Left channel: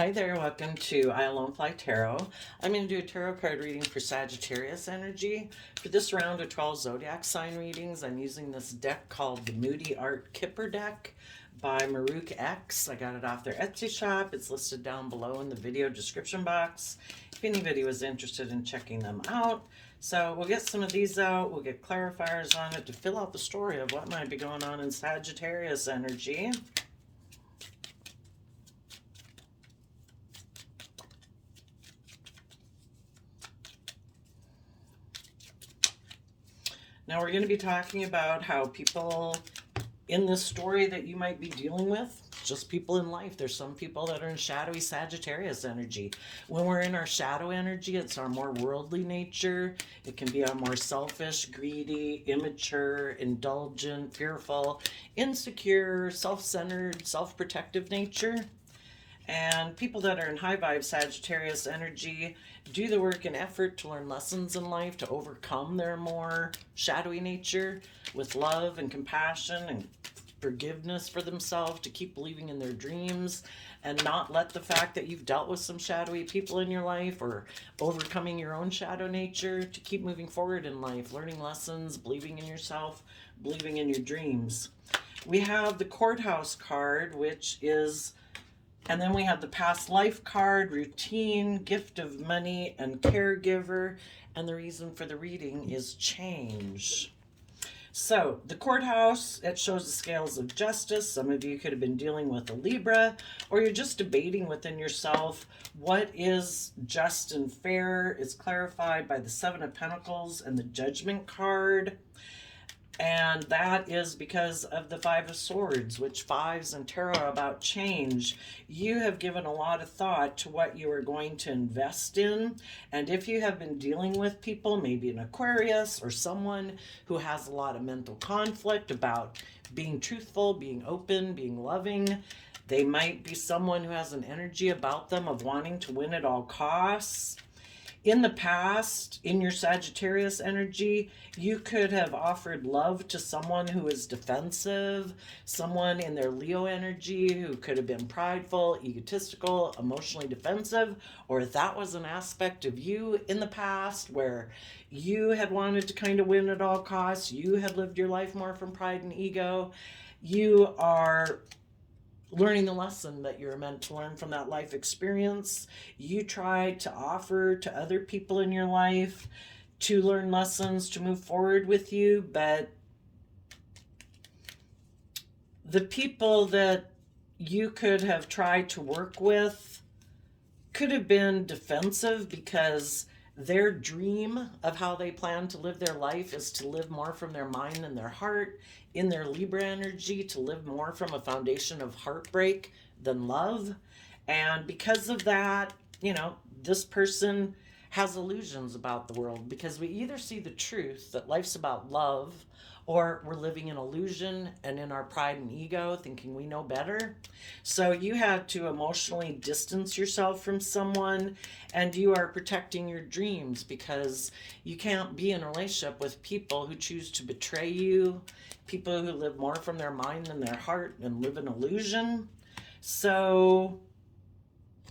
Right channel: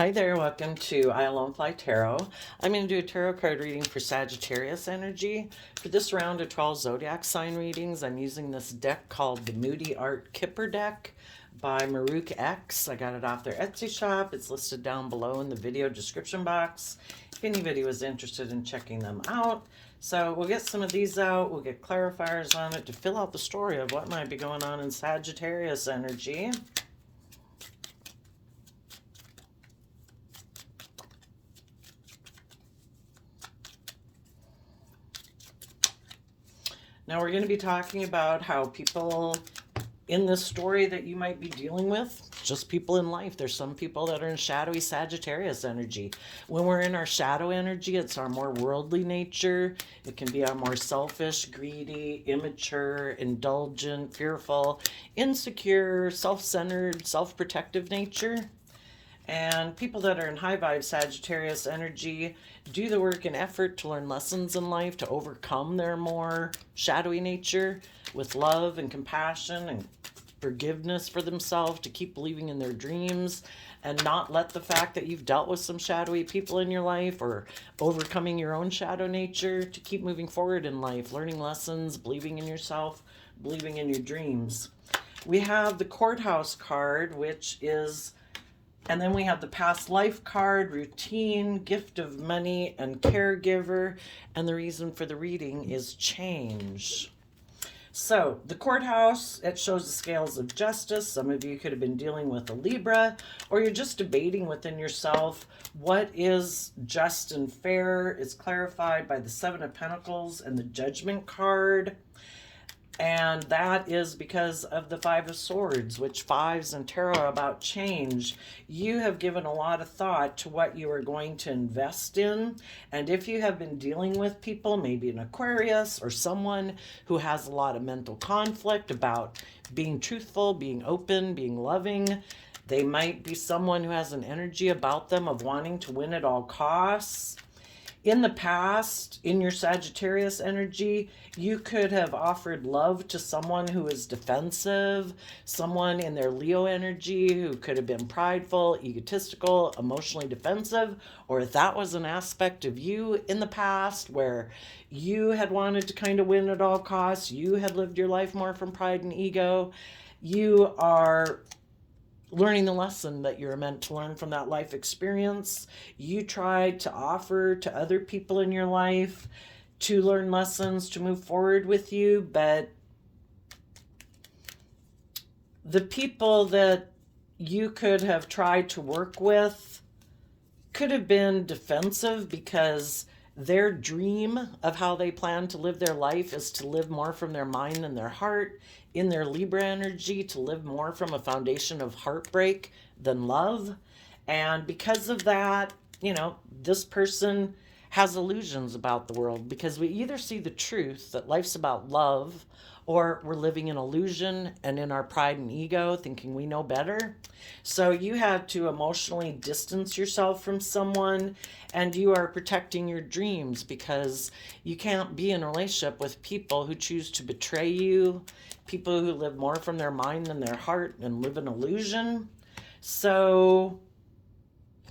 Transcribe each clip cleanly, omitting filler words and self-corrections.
Hi there, welcome to I Alone Fly Tarot. I'm going to do a tarot card reading for Sagittarius energy. For this round of 12 zodiac sign readings, I'm using this deck called the Moody Art Kipper deck by Maruk X. I got it off their Etsy shop. It's listed down below in the video description box if anybody was interested in checking them out. So we'll get some of these out. We'll get clarifiers on it to fill out the story of what might be going on in Sagittarius energy. Now we're going to be talking about how people in this story that you might be dealing with, just people in life. There's some people that are in shadowy Sagittarius energy. When we're in our shadow energy, it's our more worldly nature. It can be our more selfish, greedy, immature, indulgent, fearful, insecure, self-centered, self-protective nature. And people that are in high vibe Sagittarius energy do the work and effort to learn lessons in life, to overcome their more shadowy nature with love and compassion and forgiveness for themselves, to keep believing in their dreams and not let the fact that you've dealt with some shadowy people in your life or overcoming your own shadow nature to keep moving forward in life, learning lessons, believing in yourself, believing in your dreams. We have the Courthouse card, which is... And then we have the past life card, routine, gift of money, and caregiver. And the reason for the reading is change. So the Courthouse, it shows the scales of justice. Some of you could have been dealing with a Libra, or you're just debating within yourself what is just and fair. It's clarified by the Seven of Pentacles and the Judgment card. And that is because of the Five of Swords, which fives in tarot are about change. You have given a lot of thought to what you are going to invest in. And if you have been dealing with people, maybe an Aquarius or someone who has a lot of mental conflict about being truthful, being open, being loving, they might be someone who has an energy about them of wanting to win at all costs. In the past, in your Sagittarius energy, you could have offered love to someone who is defensive, someone in their Leo energy who could have been prideful, egotistical, emotionally defensive, or if that was an aspect of you in the past where you had wanted to kind of win at all costs, you had lived your life more from pride and ego, you are learning the lesson that you're meant to learn from that life experience. You tried to offer to other people in your life to learn lessons to move forward with you, but the people that you could have tried to work with could have been defensive because their dream of how they plan to live their life is to live more from their mind and their heart, in their Libra energy, to live more from a foundation of heartbreak than love. And because of that, this person has illusions about the world because we either see the truth that life's about love, or we're living in illusion and in our pride and ego thinking we know better. So you had to emotionally distance yourself from someone, and you are protecting your dreams because you can't be in a relationship with people who choose to betray you, people who live more from their mind than their heart and live in illusion. So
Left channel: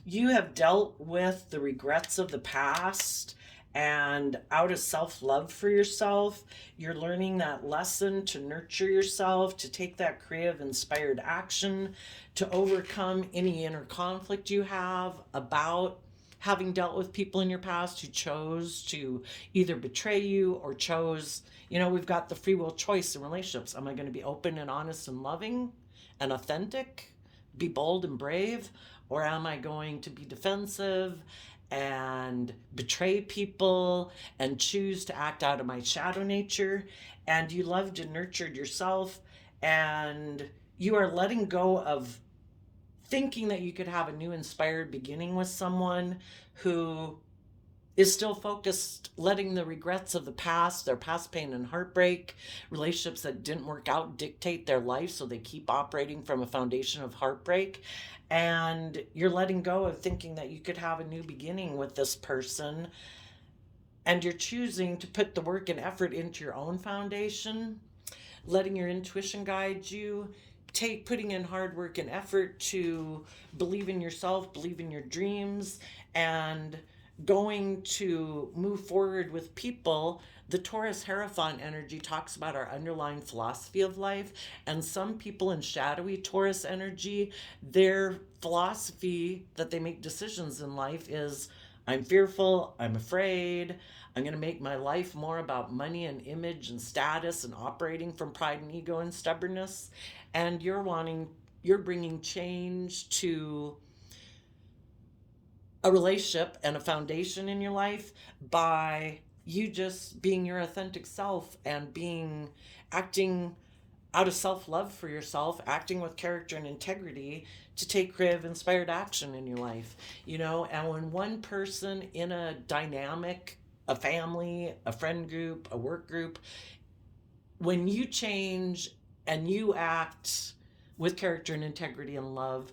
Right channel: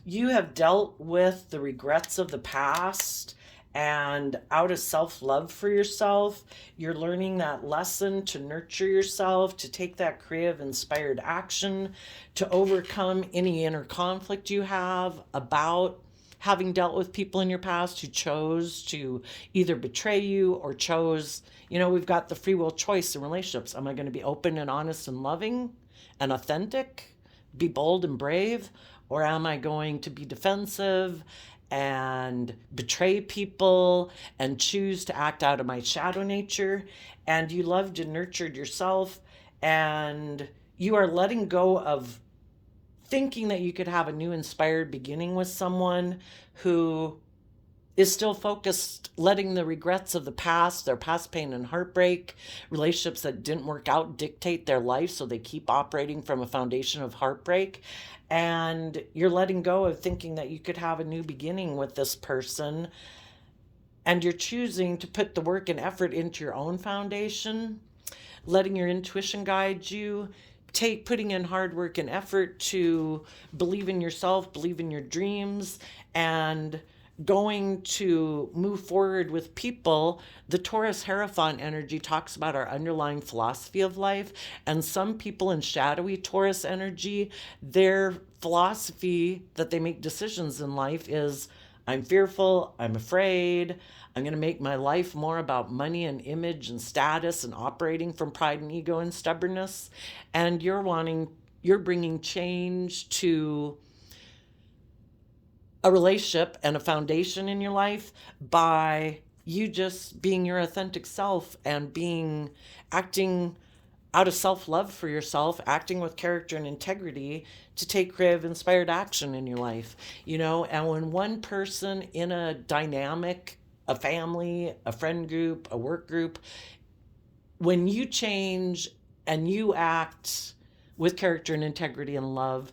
you have dealt with the regrets of the past, and out of self-love for yourself, you're learning that lesson to nurture yourself, to take that creative, inspired action, to overcome any inner conflict you have about having dealt with people in your past who chose to either betray you or chose, we've got the free will choice in relationships. Am I going to be open and honest and loving and authentic, be bold and brave, or am I going to be defensive and betray people and choose to act out of my shadow nature? And you loved and nurtured yourself, and you are letting go of thinking that you could have a new inspired beginning with someone who is still focused, letting the regrets of the past, their past pain and heartbreak, relationships that didn't work out dictate their life, so they keep operating from a foundation of heartbreak. And you're letting go of thinking that you could have a new beginning with this person, and you're choosing to put the work and effort into your own foundation, letting your intuition guide you, putting in hard work and effort to believe in yourself, believe in your dreams, and going to move forward with people. The Taurus Hierophant energy talks about our underlying philosophy of life, and some people in shadowy Taurus energy, their philosophy that they make decisions in life is, I'm fearful, I'm afraid, I'm going to make my life more about money and image and status and operating from pride and ego and stubbornness. And you're bringing change to a relationship and a foundation in your life by you just being your authentic self and acting out of self-love for yourself, acting with character and integrity to take creative inspired action in your life. And when one person in a dynamic, a family, a friend group, a work group, when you change and you act with character and integrity and love,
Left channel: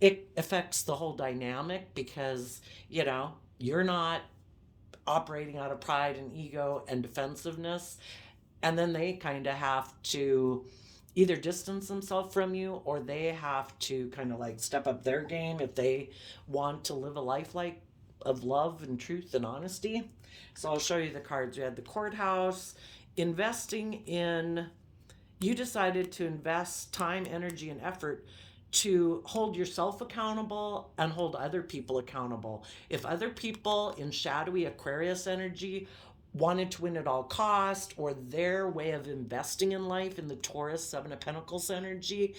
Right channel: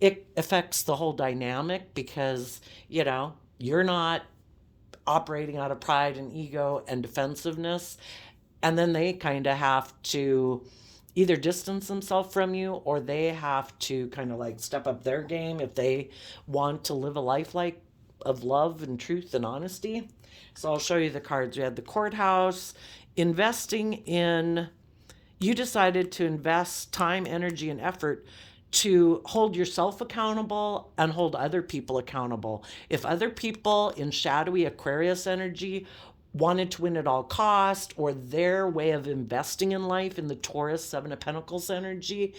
it affects the whole dynamic because, you're not operating out of pride and ego and defensiveness. And then they kind of have to either distance themselves from you, or they have to kind of like step up their game if they want to live a life of love and truth and honesty. So I'll show you the cards. We had the courthouse, you decided to invest time, energy, and effort to hold yourself accountable and hold other people accountable. If other people in shadowy Aquarius energy wanted to win at all cost, or their way of investing in life in the Taurus Seven of Pentacles energy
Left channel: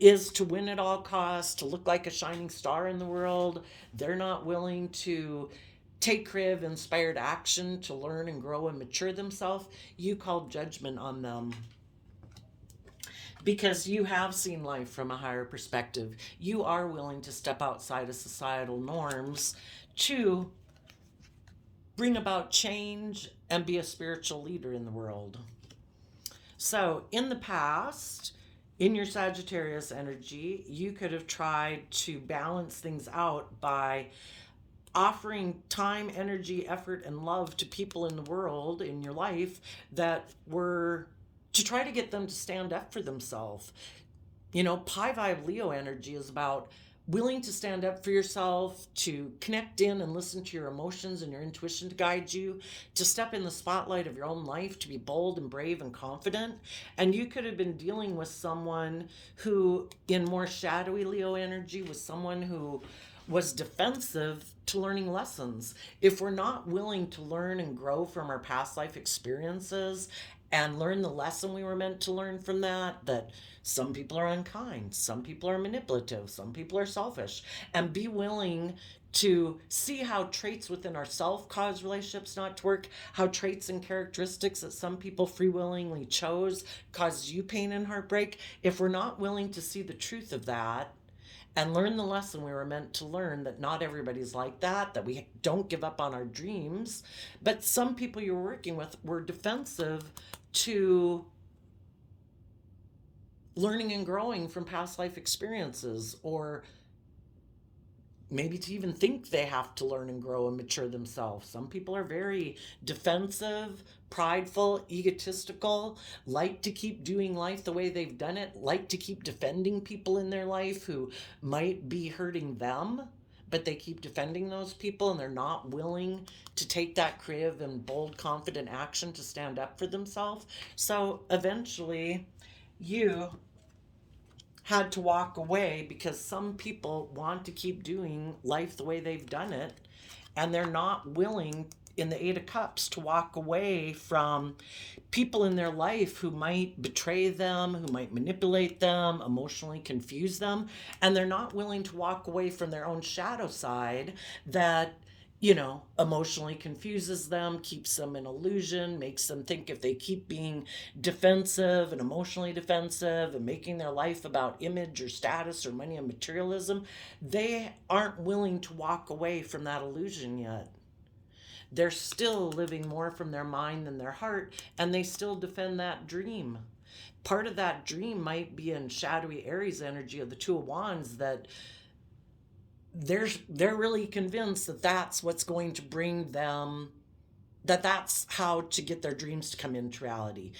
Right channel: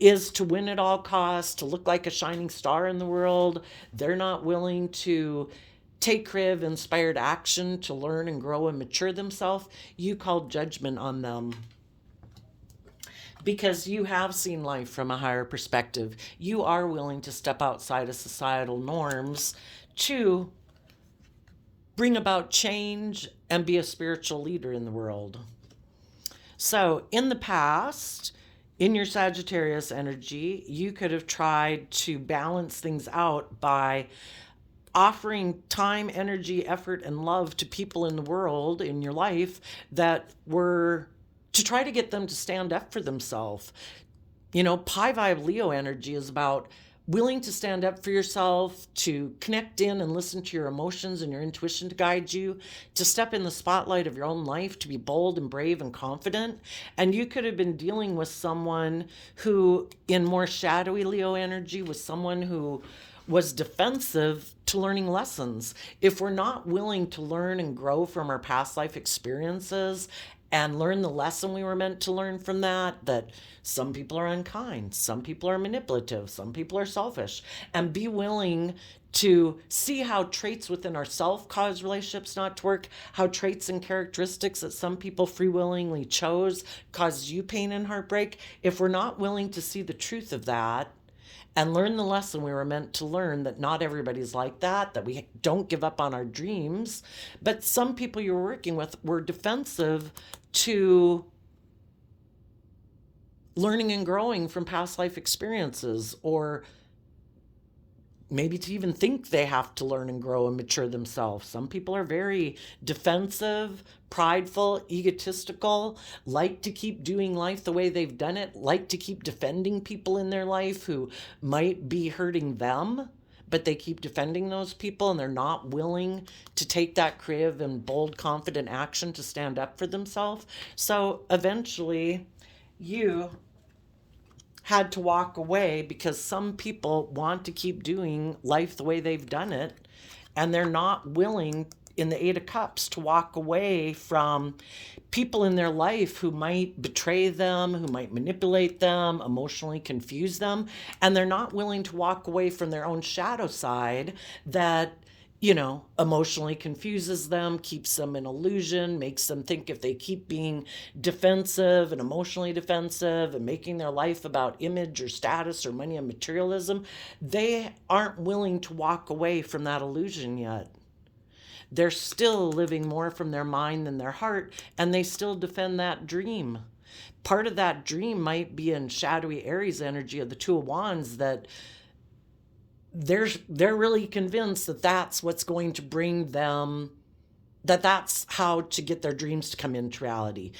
is to win at all costs, to look like a shining star in the world, they're not willing to take creative inspired action to learn and grow and mature themselves, you called judgment on them. Because you have seen life from a higher perspective. You are willing to step outside of societal norms to bring about change and be a spiritual leader in the world. So in the past, in your Sagittarius energy, you could have tried to balance things out by offering time, energy, effort, and love to people in the world, in your life, that were to try to get them to stand up for themselves. Pi Vibe Leo energy is about willing to stand up for yourself, to connect in and listen to your emotions and your intuition to guide you, to step in the spotlight of your own life, to be bold and brave and confident. And you could have been dealing with someone who, in more shadowy Leo energy, was someone who was defensive to learning lessons. If we're not willing to learn and grow from our past life experiences and learn the lesson we were meant to learn from that some people are unkind, some people are manipulative, some people are selfish, and be willing to see how traits within ourselves cause relationships not to work, how traits and characteristics that some people free willingly chose cause you pain and heartbreak. If we're not willing to see the truth of that and learn the lesson we were meant to learn, that not everybody's like that we don't give up on our dreams, but some people you're working with were defensive to learning and growing from past life experiences, or maybe to even think they have to learn and grow and mature themselves. Some people are very defensive, prideful, egotistical, like to keep doing life the way they've done it, like to keep defending people in their life who might be hurting them, but they keep defending those people, and they're not willing to take that creative and bold, confident action to stand up for themselves. So eventually you had to walk away because some people want to keep doing life the way they've done it, and they're not willing, in the Eight of Cups, to walk away from people in their life who might betray them, who might manipulate them, emotionally confuse them, and they're not willing to walk away from their own shadow side that emotionally confuses them, keeps them in illusion, makes them think if they keep being defensive and emotionally defensive and making their life about image or status or money and materialism, they aren't willing to walk away from that illusion yet. They're still living more from their mind than their heart, and they still defend that dream. Part of that dream might be in shadowy Aries energy of the Two of Wands, that they're really convinced that that's what's going to bring them, that's how to get their dreams to come into reality.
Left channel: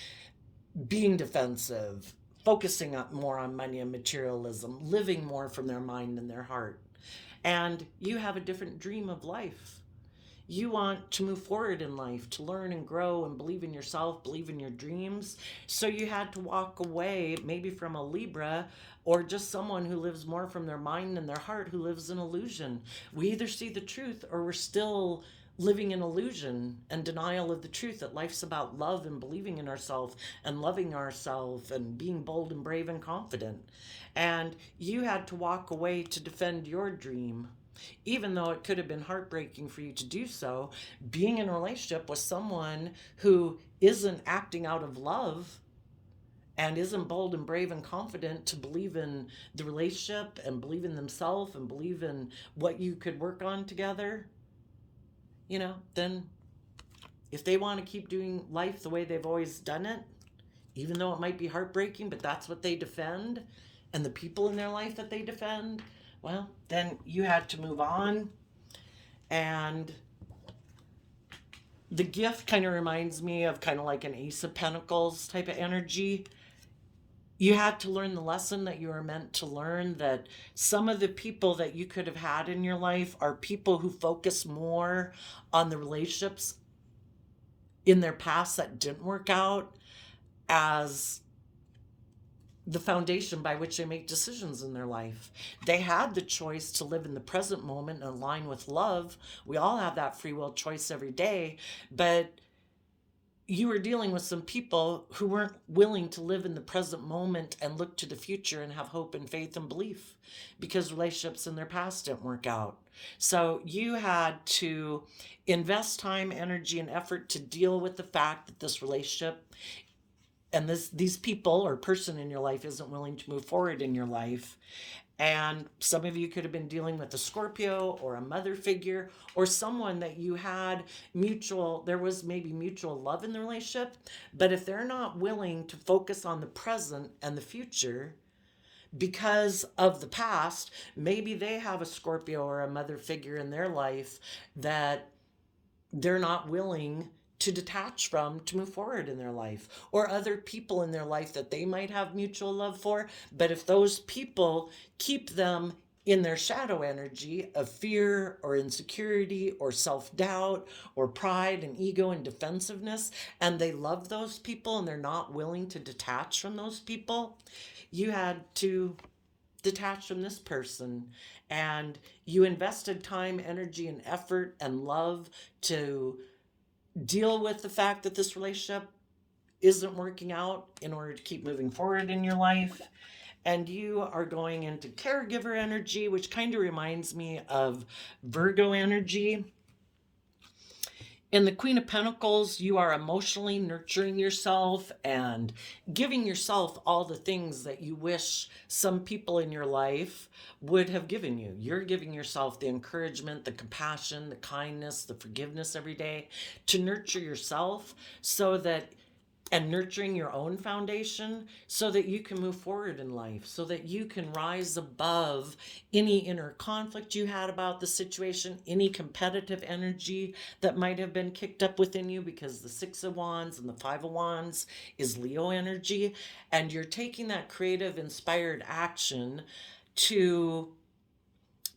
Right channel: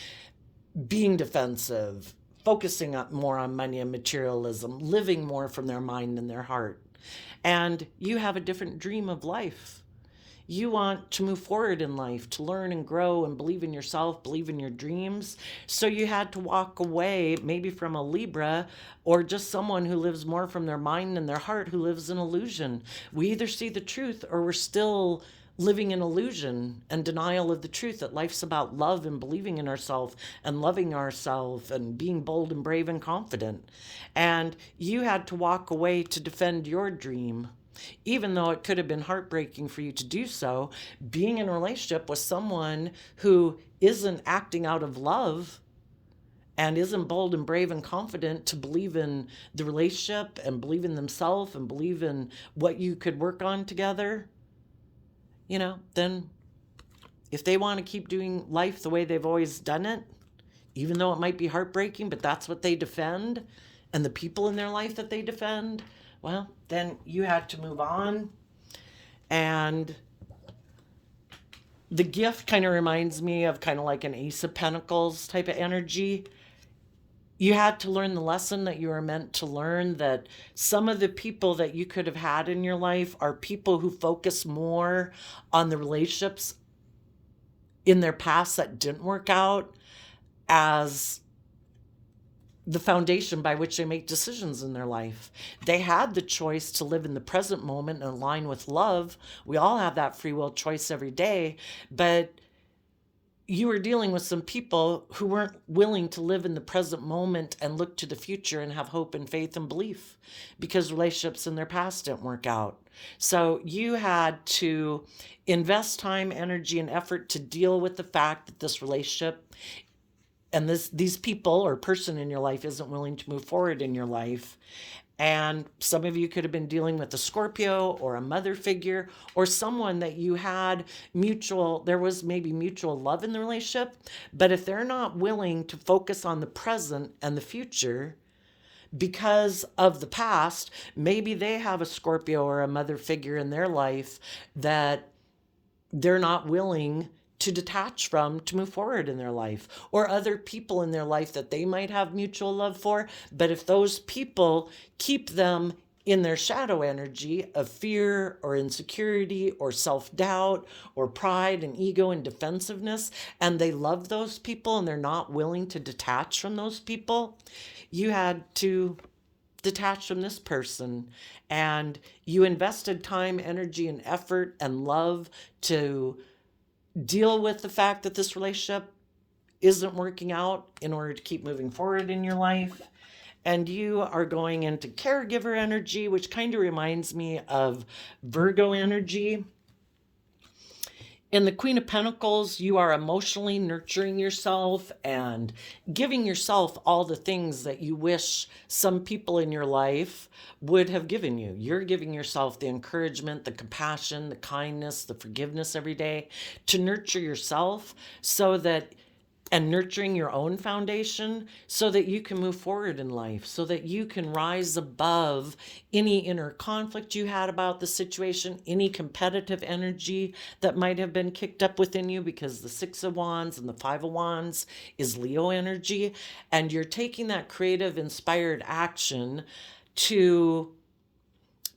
Being defensive, focusing more on money and materialism, living more from their mind and their heart. And you have a different dream of life. You want to move forward in life, to learn and grow and believe in yourself, believe in your dreams. So you had to walk away maybe from a Libra, or just someone who lives more from their mind and their heart, who lives in illusion. We either see the truth, or we're still living in illusion and denial of the truth, that life's about love and believing in ourselves and loving ourselves and being bold and brave and confident. And you had to walk away to defend your dream, even though it could have been heartbreaking for you to do so. Being in a relationship with someone who isn't acting out of love and isn't bold and brave and confident to believe in the relationship and believe in themselves and believe in what you could work on together, then if they want to keep doing life the way they've always done it, even though it might be heartbreaking, but that's what they defend, and the people in their life that they defend, well, then you had to move on. And the gift kind of reminds me of kind of like an Ace of Pentacles type of energy. You had to learn the lesson that you were meant to learn, that some of the people that you could have had in your life are people who focus more on the relationships in their past that didn't work out as the foundation by which they make decisions in their life. They had the choice to live in the present moment and align with love. We all have that free will choice every day, but you were dealing with some people who weren't willing to live in the present moment and look to the future and have hope and faith and belief, because relationships in their past didn't work out. So you had to invest time, energy, and effort to deal with the fact that this relationship and these people or person in your life isn't willing to move forward in your life. And some of you could have been dealing with a Scorpio or a mother figure, or someone that you had there was maybe mutual love in the relationship. But if they're not willing to focus on the present and the future because of the past, maybe they have a Scorpio or a mother figure in their life that they're not willing to detach from to move forward in their life, or other people in their life that they might have mutual love for. But if those people keep them in their shadow energy of fear or insecurity or self-doubt or pride and ego and defensiveness, and they love those people and they're not willing to detach from those people, you had to detach from this person. And you invested time, energy, and effort and love to deal with the fact that this relationship isn't working out in order to keep moving forward in your life. And you are going into caregiver energy, which kind of reminds me of Virgo energy. In the Queen of Pentacles, you are emotionally nurturing yourself and giving yourself all the things that you wish some people in your life would have given you. You're giving yourself the encouragement, the compassion, the kindness, the forgiveness every day to nurture yourself and nurturing your own foundation so that you can move forward in life, so that you can rise above any inner conflict you had about the situation, any competitive energy that might have been kicked up within you, because the Six of Wands and the Five of Wands is Leo energy. And you're taking that creative, inspired action to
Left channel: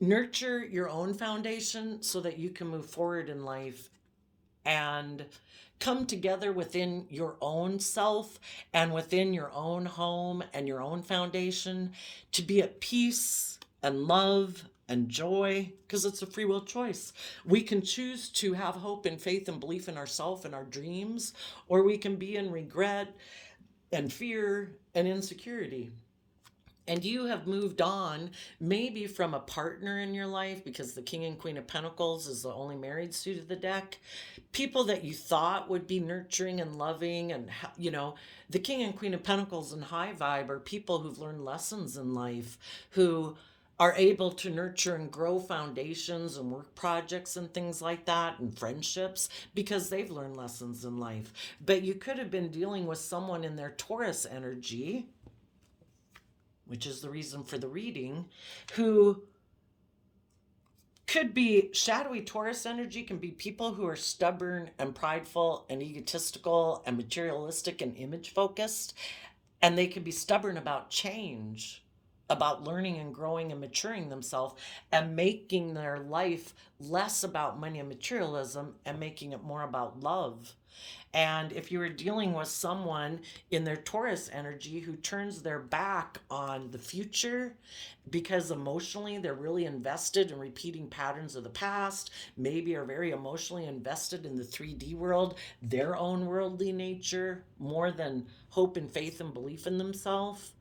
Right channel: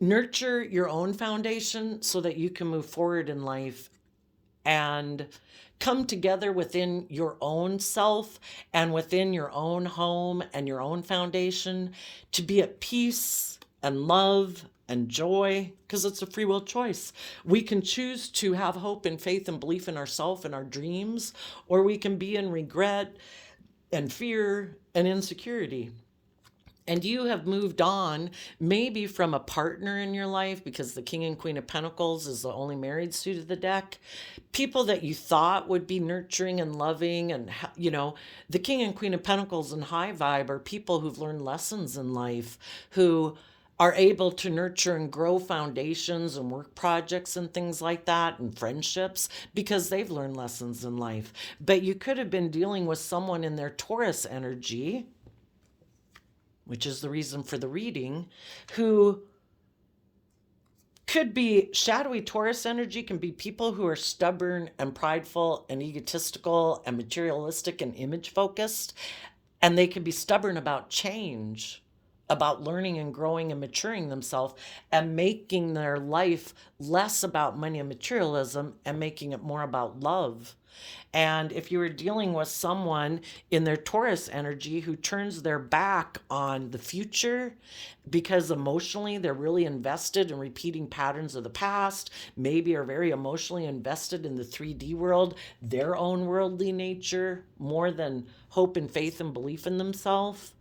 nurture your own foundation so that you can move forward in life and come together within your own self and within your own home and your own foundation to be at peace and love and joy, because it's a free will choice. We can choose to have hope and faith and belief in ourselves and our dreams, or we can be in regret and fear and insecurity. And you have moved on maybe from a partner in your life, because the King and Queen of Pentacles is the only married suit of the deck. People that you thought would be nurturing and loving, and the King and Queen of Pentacles in high vibe are people who've learned lessons in life, who are able to nurture and grow foundations and work projects and things like that, and friendships, because they've learned lessons in life. But you could have been dealing with someone in their Taurus energy, which is the reason for the reading, who could be shadowy Taurus energy, can be people who are stubborn and prideful and egotistical and materialistic and image focused. And they can be stubborn about change, about learning and growing and maturing themselves and making their life less about money and materialism and making it more about love. And if you were dealing with someone in their Taurus energy who turns their back on the future because emotionally they're really invested in repeating patterns of the past, maybe are very emotionally invested in the 3D world, their own worldly nature, more than hope and faith and belief in themselves,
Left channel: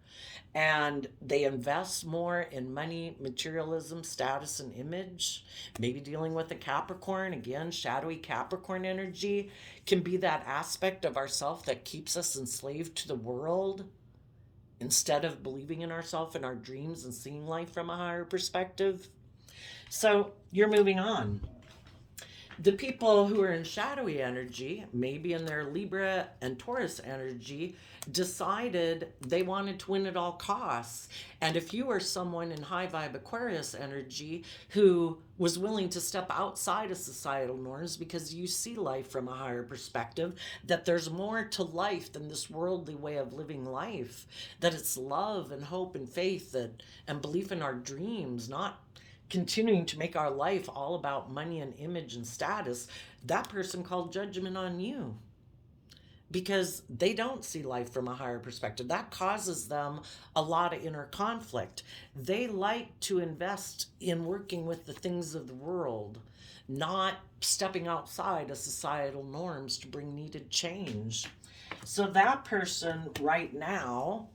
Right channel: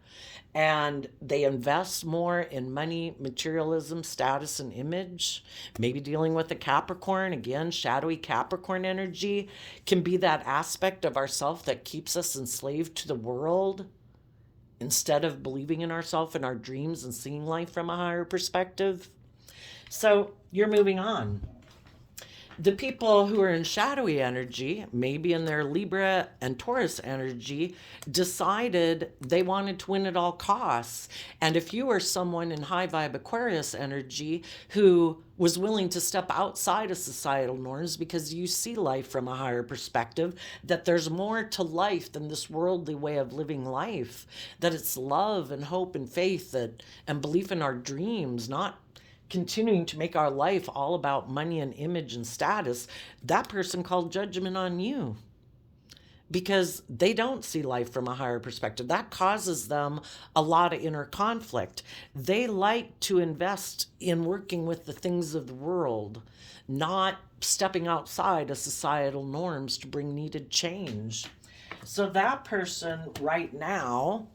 and they invest more in money, materialism, status, and image. Maybe dealing with a Capricorn, again, shadowy Capricorn energy can be that aspect of ourself that keeps us enslaved to the world instead of believing in ourselves and our dreams and seeing life from a higher perspective. So you're moving on. The people who are in shadowy energy, maybe in their Libra and Taurus energy, decided they wanted to win at all costs. And if you are someone in high vibe Aquarius energy who was willing to step outside of societal norms because you see life from a higher perspective, that there's more to life than this worldly way of living life, that it's love and hope and faith that and belief in our dreams, not continuing to make our life all about money and image and status, that person called judgment on you because they don't see life from a higher perspective. That causes them a lot of inner conflict. They like to invest in working with the things of the world, not stepping outside of societal norms to bring needed change. So that person right now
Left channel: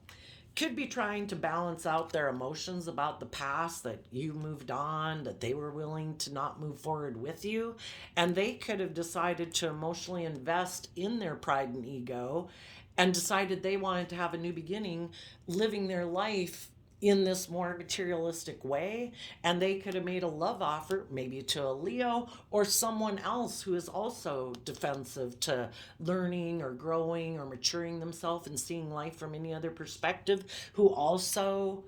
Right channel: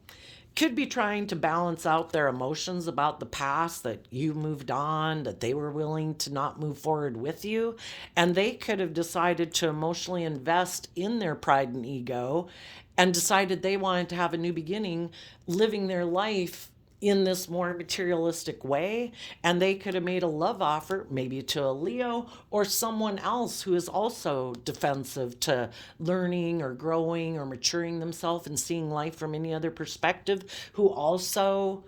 could be trying to balance out their emotions about the past, that you moved on, that they were willing to not move forward with you. And they could have decided to emotionally invest in their pride and ego and decided they wanted to have a new beginning, living their life in this more materialistic way. And they could have made a love offer, maybe to a Leo or someone else who is also defensive to learning or growing or maturing themselves and seeing life from any other perspective, who also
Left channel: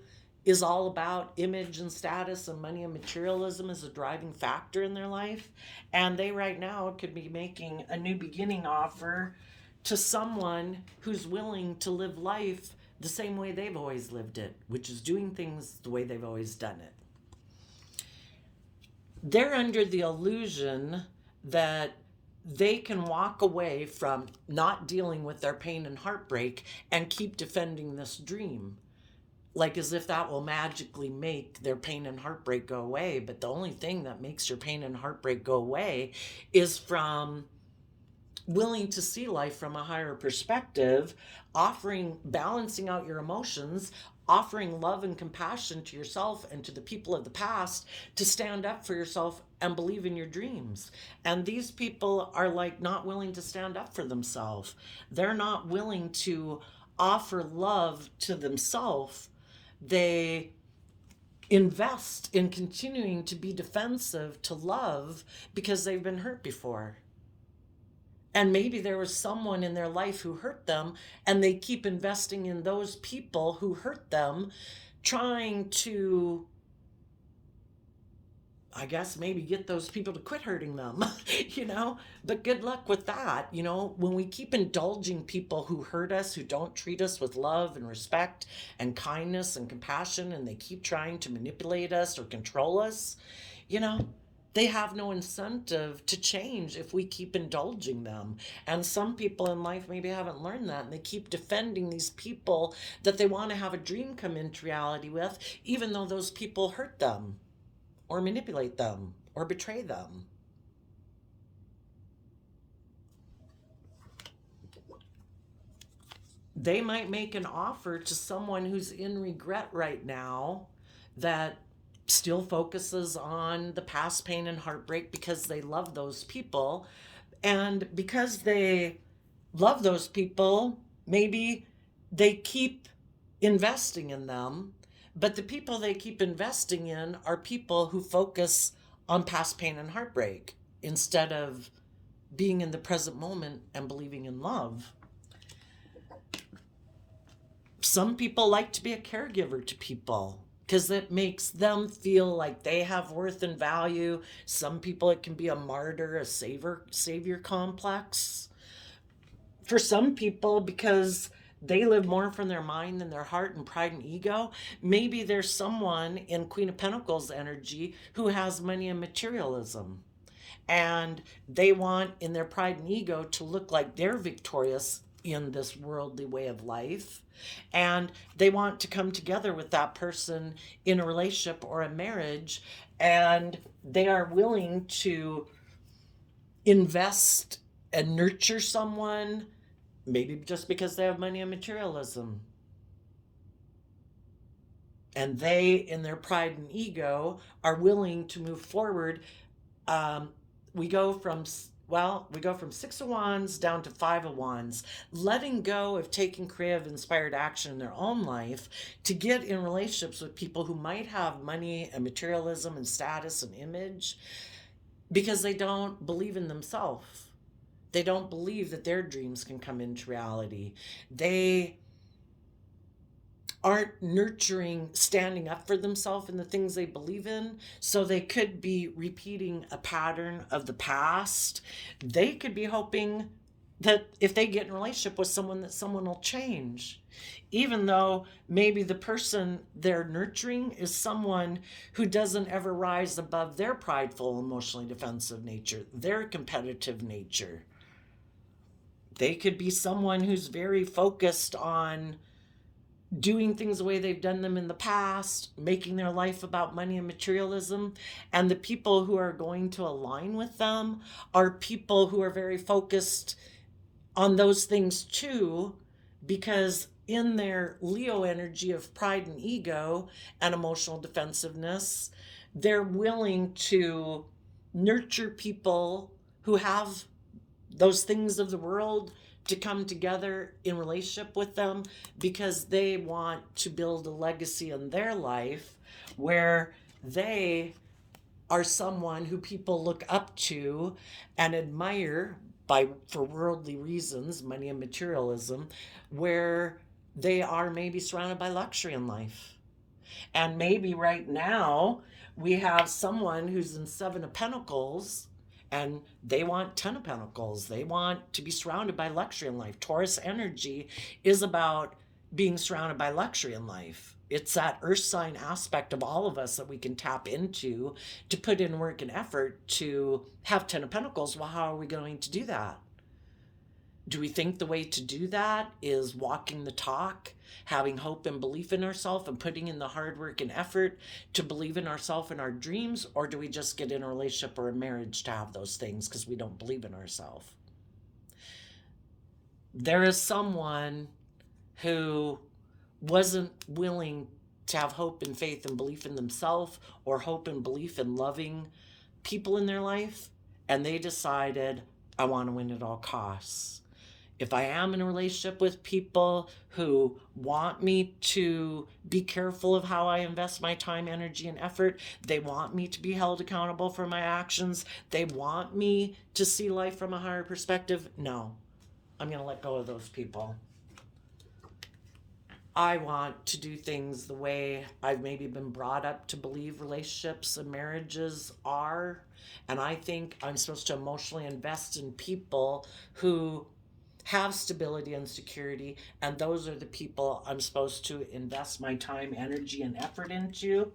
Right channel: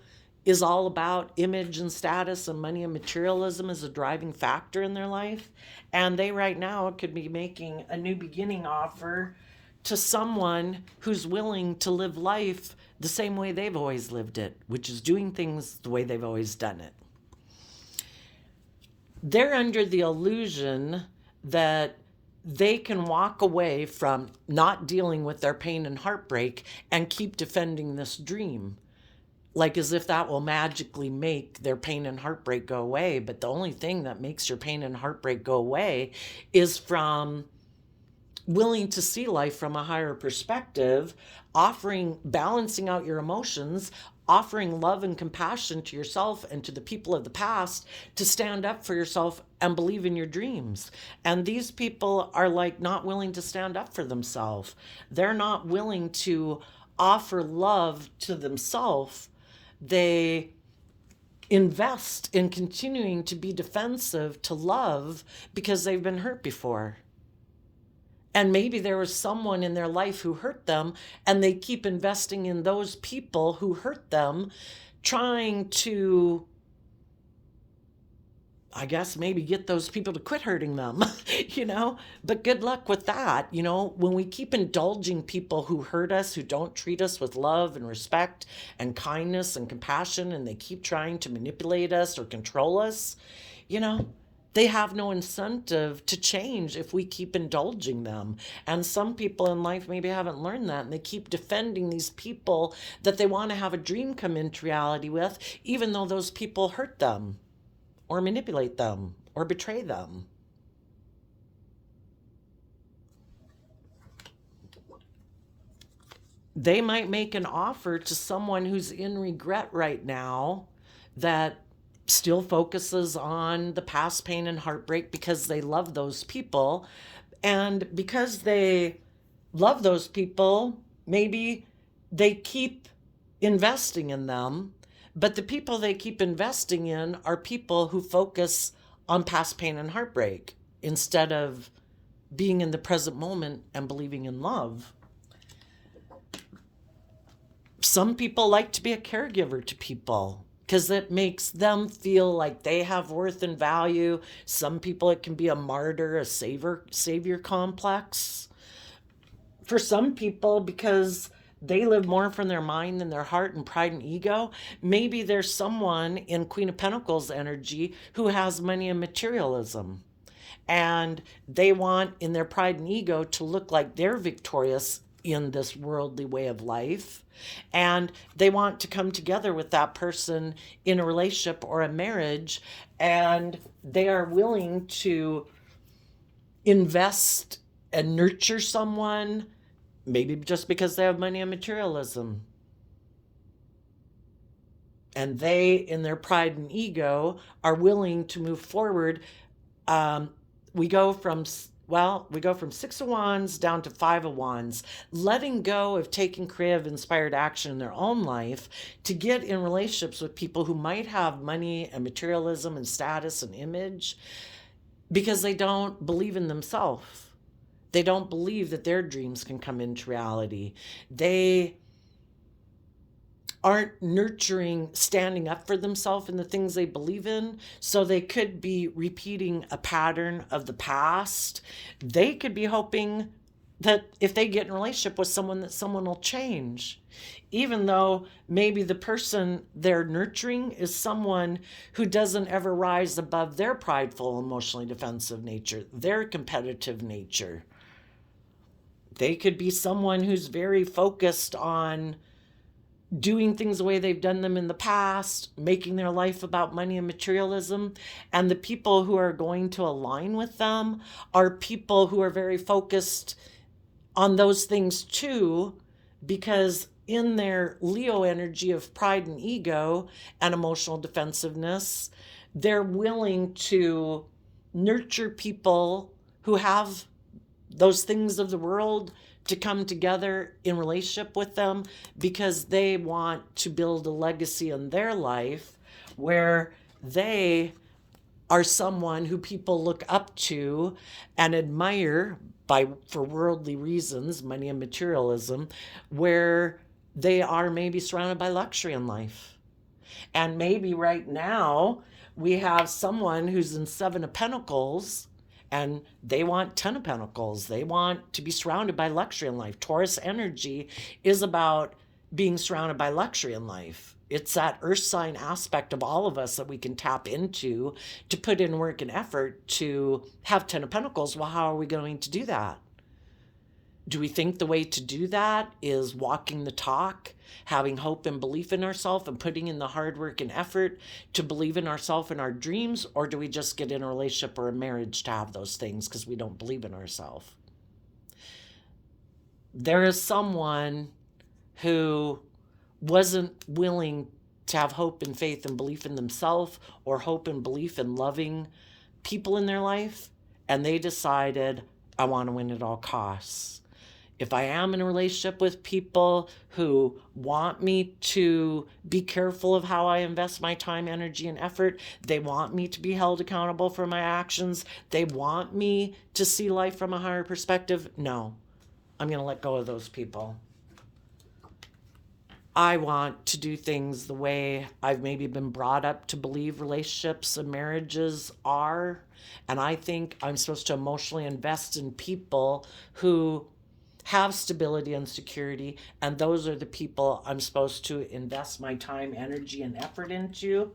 is all about image and status and money and materialism as a driving factor in their life. And they right now could be making a new beginning offer to someone who's willing to live life the same way they've always lived it, which is doing things the way they've always done it. They're under the illusion that they can walk away from not dealing with their pain and heartbreak and keep defending this dream, like as if that will magically make their pain and heartbreak go away. But the only thing that makes your pain and heartbreak go away is from willing to see life from a higher perspective, balancing out your emotions, offering love and compassion to yourself and to the people of the past to stand up for yourself and believe in your dreams. And these people are like not willing to stand up for themselves. They're not willing to offer love to themselves. They invest in continuing to be defensive to love because they've been hurt before. And maybe there was someone in their life who hurt them, and they keep investing in those people who hurt them, trying to, I guess, maybe get those people to quit hurting them, But good luck with that. When we keep indulging people who hurt us, who don't treat us with love and respect and kindness and compassion, and they keep trying to manipulate us or control us, they have no incentive to change if we keep indulging them. And some people in life maybe haven't learned that, and they keep defending these people that they want to have a dream come into reality with, even though those people hurt them or manipulate them or betray them. They might make an offer to someone who's in regret right now that still focuses on the past pain and heartbreak because they love those people. And because they love those people, maybe they keep investing in them. But the people they keep investing in are people who focus on past pain and heartbreak instead of being in the present moment and believing in love. Some people like to be a caregiver to people because it makes them feel like they have worth and value. Some people, it can be a martyr, a savior complex. For some people, because they live more from their mind than their heart and pride and ego. Maybe there's someone in Queen of Pentacles energy who has money and materialism. And they want, in their pride and ego, to look like they're victorious in this worldly way of life. And they want to come together with that person in a relationship or a marriage. And they are willing to invest and nurture someone, maybe just because they have money and materialism. And they, in their pride and ego, are willing to move forward. We go from Six of Wands down to Five of Wands, letting go of taking creative, inspired action in their own life to get in relationships with people who might have money and materialism and status and image because they don't believe in themselves. They don't believe that their dreams can come into reality. They aren't nurturing, standing up for themselves and the things they believe in. So they could be repeating a pattern of the past. They could be hoping that if they get in a relationship with someone, that someone will change. Even though maybe the person they're nurturing is someone who doesn't ever rise above their prideful, emotionally defensive nature, their competitive nature. They could be someone who's very focused on doing things the way they've done them in the past, making their life about money and materialism. And the people who are going to align with them are people who are very focused on those things too, because in their Leo energy of pride and ego and emotional defensiveness, they're willing to nurture people who have those things of the world to come together in relationship with them because they want to build a legacy in their life where they are someone who people look up to and admire for worldly reasons, money and materialism, where they are maybe surrounded by luxury in life. And maybe right now we have someone who's in Seven of Pentacles and they want Ten of Pentacles. They want to be surrounded by luxury in life. Taurus energy is about being surrounded by luxury in life. It's that earth sign aspect of all of us that we can tap into to put in work and effort to have Ten of Pentacles. Well, how are we going to do that? Do we think the way to do that is walking the talk, having hope and belief in ourselves and putting in the hard work and effort to believe in ourselves and our dreams? Or do we just get in a relationship or a marriage to have those things because we don't believe in ourselves? There is someone who wasn't willing to have hope and faith and belief in themselves or hope and belief in loving people in their life, and they decided, I want to win at all costs. If I am in a relationship with people who want me to be careful of how I invest my time, energy, and effort, they want me to be held accountable for my actions, they want me to see life from a higher perspective, no, I'm going to let go of those people. I want to do things the way I've maybe been brought up to believe relationships and marriages are. And I think I'm supposed to emotionally invest in people who have stability and security, and those are the people I'm supposed to invest my time, energy, and effort into,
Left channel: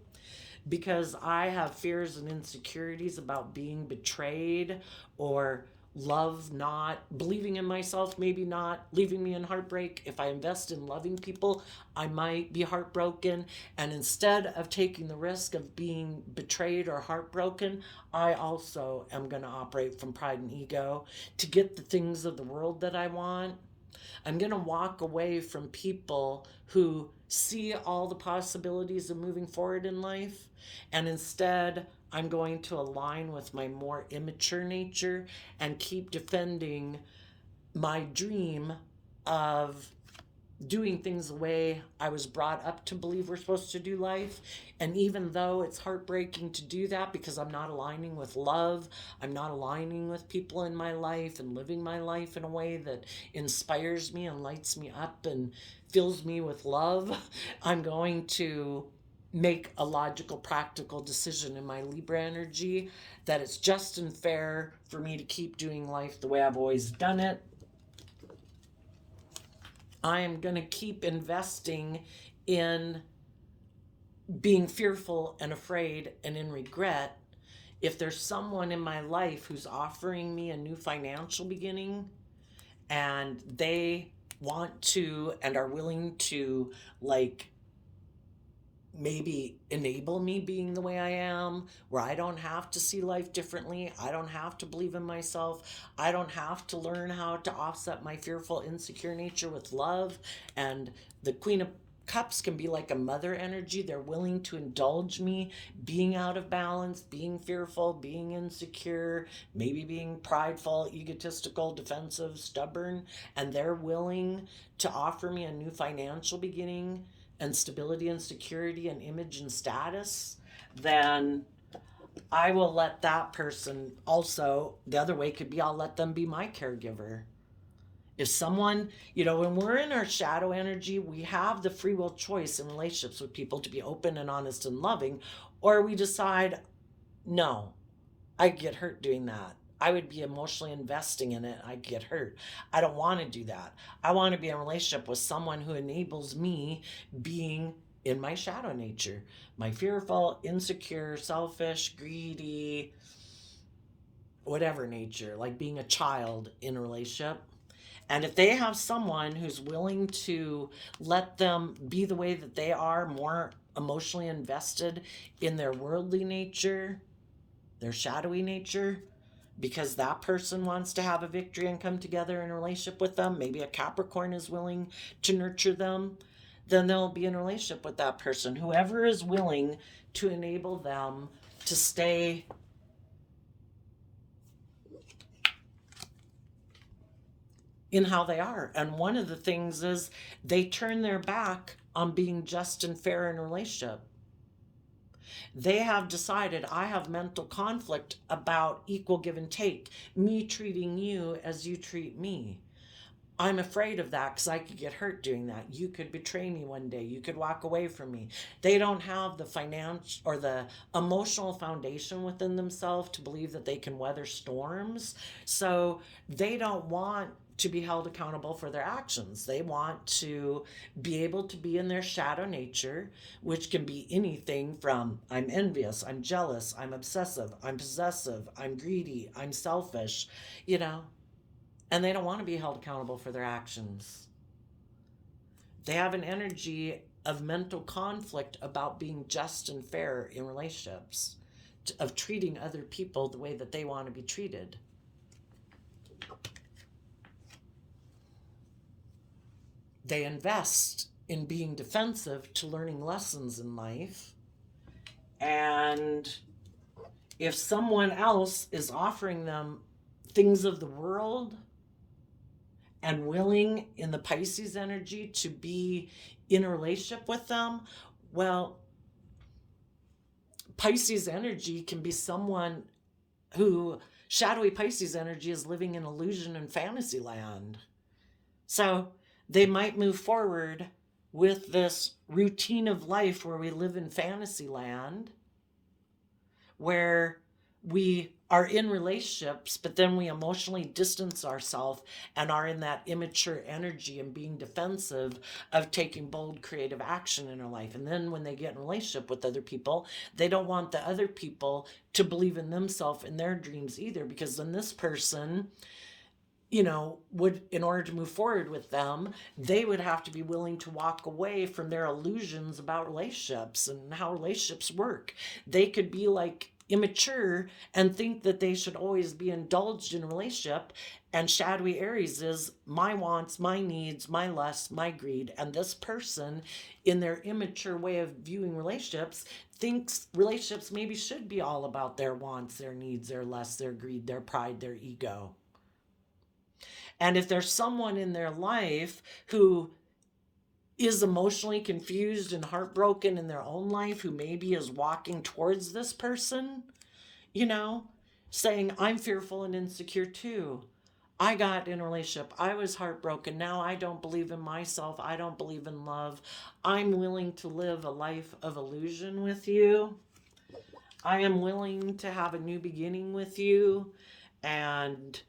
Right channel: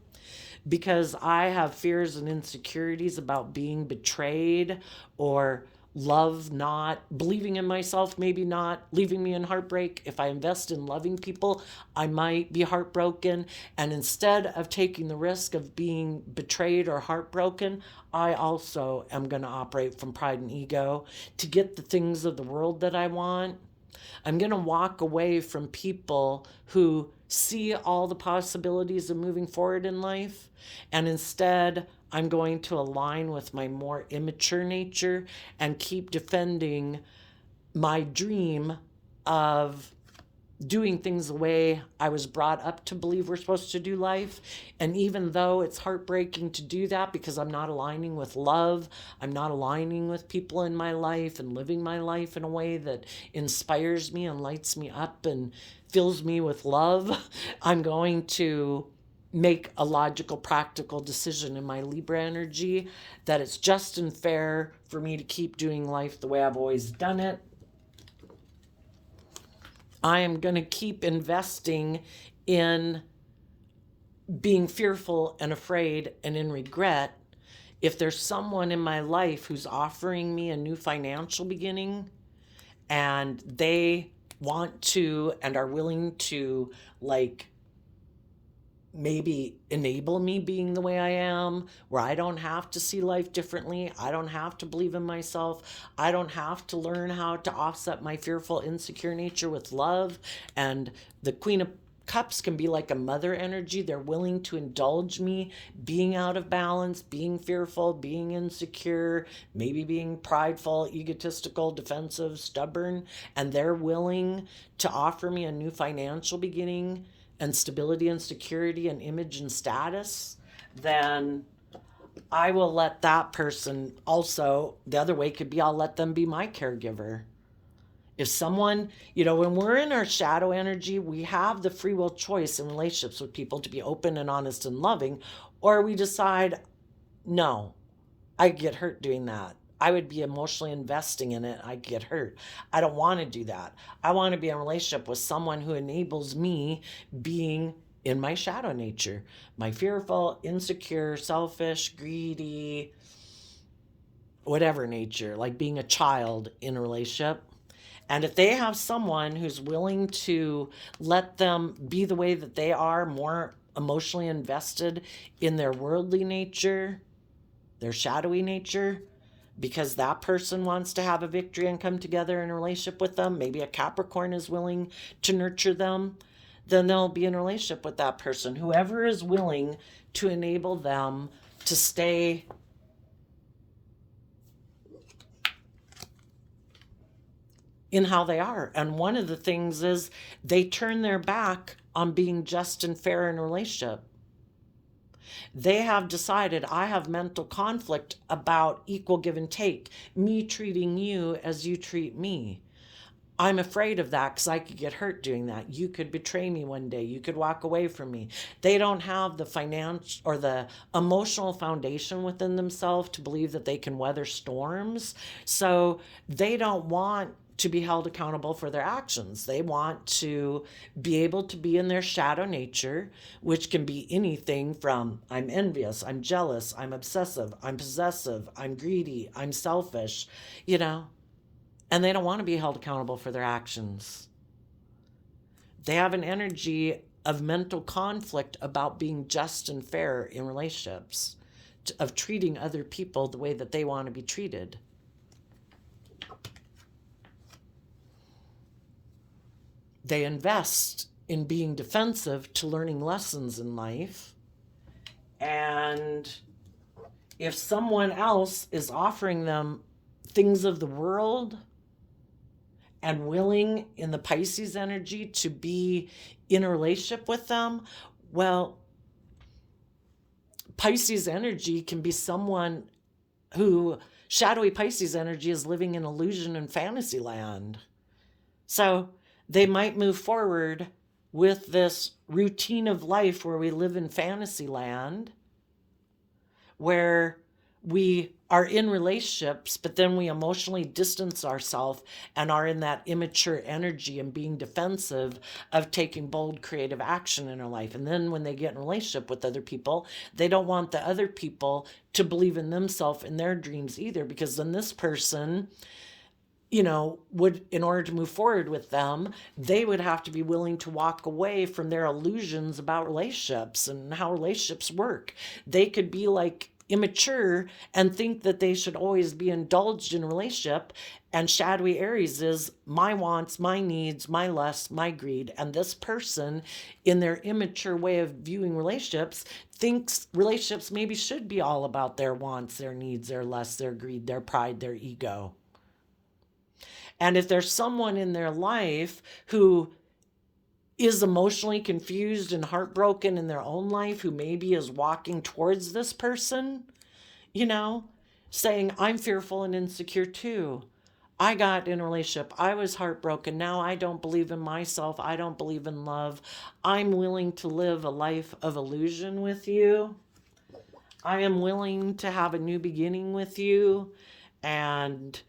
because I have fears and insecurities about being betrayed or love not believing in myself, maybe not leaving me in heartbreak. If I invest in loving people, I might be heartbroken, and instead of taking the risk of being betrayed or heartbroken, I also am going to operate from pride and ego to get the things of the world that I want. I'm going to walk away from people who see all the possibilities of moving forward in life, and instead I'm going to align with my more immature nature and keep defending my dream of doing things the way I was brought up to believe we're supposed to do life. And even though it's heartbreaking to do that because I'm not aligning with love, I'm not aligning with people in my life and living my life in a way that inspires me and lights me up and fills me with love, I'm going to make a logical, practical decision in my Libra energy that it's just and fair for me to keep doing life the way I've always done it. I am going to keep investing in being fearful and afraid and in regret. If there's someone in my life who's offering me a new financial beginning and they want to and are willing to, like, maybe enable me being the way I am, where I don't have to see life differently, I don't have to believe in myself, I don't have to learn how to offset my fearful, insecure nature with love. And the Queen of Cups can be like a mother energy. They're willing to indulge me being out of balance, being fearful, being insecure, maybe being prideful, egotistical, defensive, stubborn, and they're willing to offer me a new financial beginning and stability and security and image and status. Then I will let that person also, the other way could be I'll let them be my caregiver. If someone, when we're in our shadow energy, we have the free will choice in relationships with people to be open and honest and loving, or we decide, no, I get hurt doing that. I would be emotionally investing in it. I get hurt. I don't want to do that. I want to be in a relationship with someone who enables me being in my shadow nature, my fearful, insecure, selfish, greedy, whatever nature, like being a child in a relationship. And if they have someone who's willing to let them be the way that they are, more emotionally invested in their worldly nature, their shadowy nature, because that person wants to have a victory and come together in a relationship with them, maybe a Capricorn is willing to nurture them, then they'll be in a relationship with that person. Whoever is willing to enable them to stay in how they are. And one of the things is they turn their back on being just and fair in a relationship. They have decided, I have mental conflict about equal give and take, me treating you as you treat me. I'm afraid of that because I could get hurt doing that. You could betray me one day. You could walk away from me. They don't have the financial or the emotional foundation within themselves to believe that they can weather storms. So they don't want to be held accountable for their actions. They want to be able to be in their shadow nature, which can be anything from I'm envious, I'm jealous, I'm obsessive, I'm possessive, I'm greedy, I'm selfish, and they don't want to be held accountable for their actions. They have an energy of mental conflict about being just and fair in relationships, of treating other people the way that they want to be treated. They invest in being defensive to learning lessons in life. And if someone else is offering them things of the world and willing in the Pisces energy to be in a relationship with them, well, Pisces energy can be someone who, shadowy Pisces energy is living in illusion and fantasy land. So they might move forward with this routine of life where we live in fantasy land, where we are in relationships, but then we emotionally distance ourselves and are in that immature energy and being defensive of taking bold, creative action in our life. And then when they get in a relationship with other people, they don't want the other people to believe in themselves and their dreams either, because then this person, would, in order to move forward with them, they would have to be willing to walk away from their illusions about relationships and how relationships work. They could be like immature and think that they should always be indulged in a relationship. And shadowy Aries is my wants, my needs, my lusts, my greed. And this person, in their immature way of viewing relationships, thinks relationships maybe should be all about their wants, their needs, their lusts, their greed, their pride, their ego. And if there's someone in their life who is emotionally confused and heartbroken in their own life, who maybe is walking towards this person, saying, I'm fearful and insecure too. I got in a relationship. I was heartbroken. Now I don't believe in myself. I don't believe in love. I'm willing to live a life of illusion with you. I am willing to have a new beginning with you. And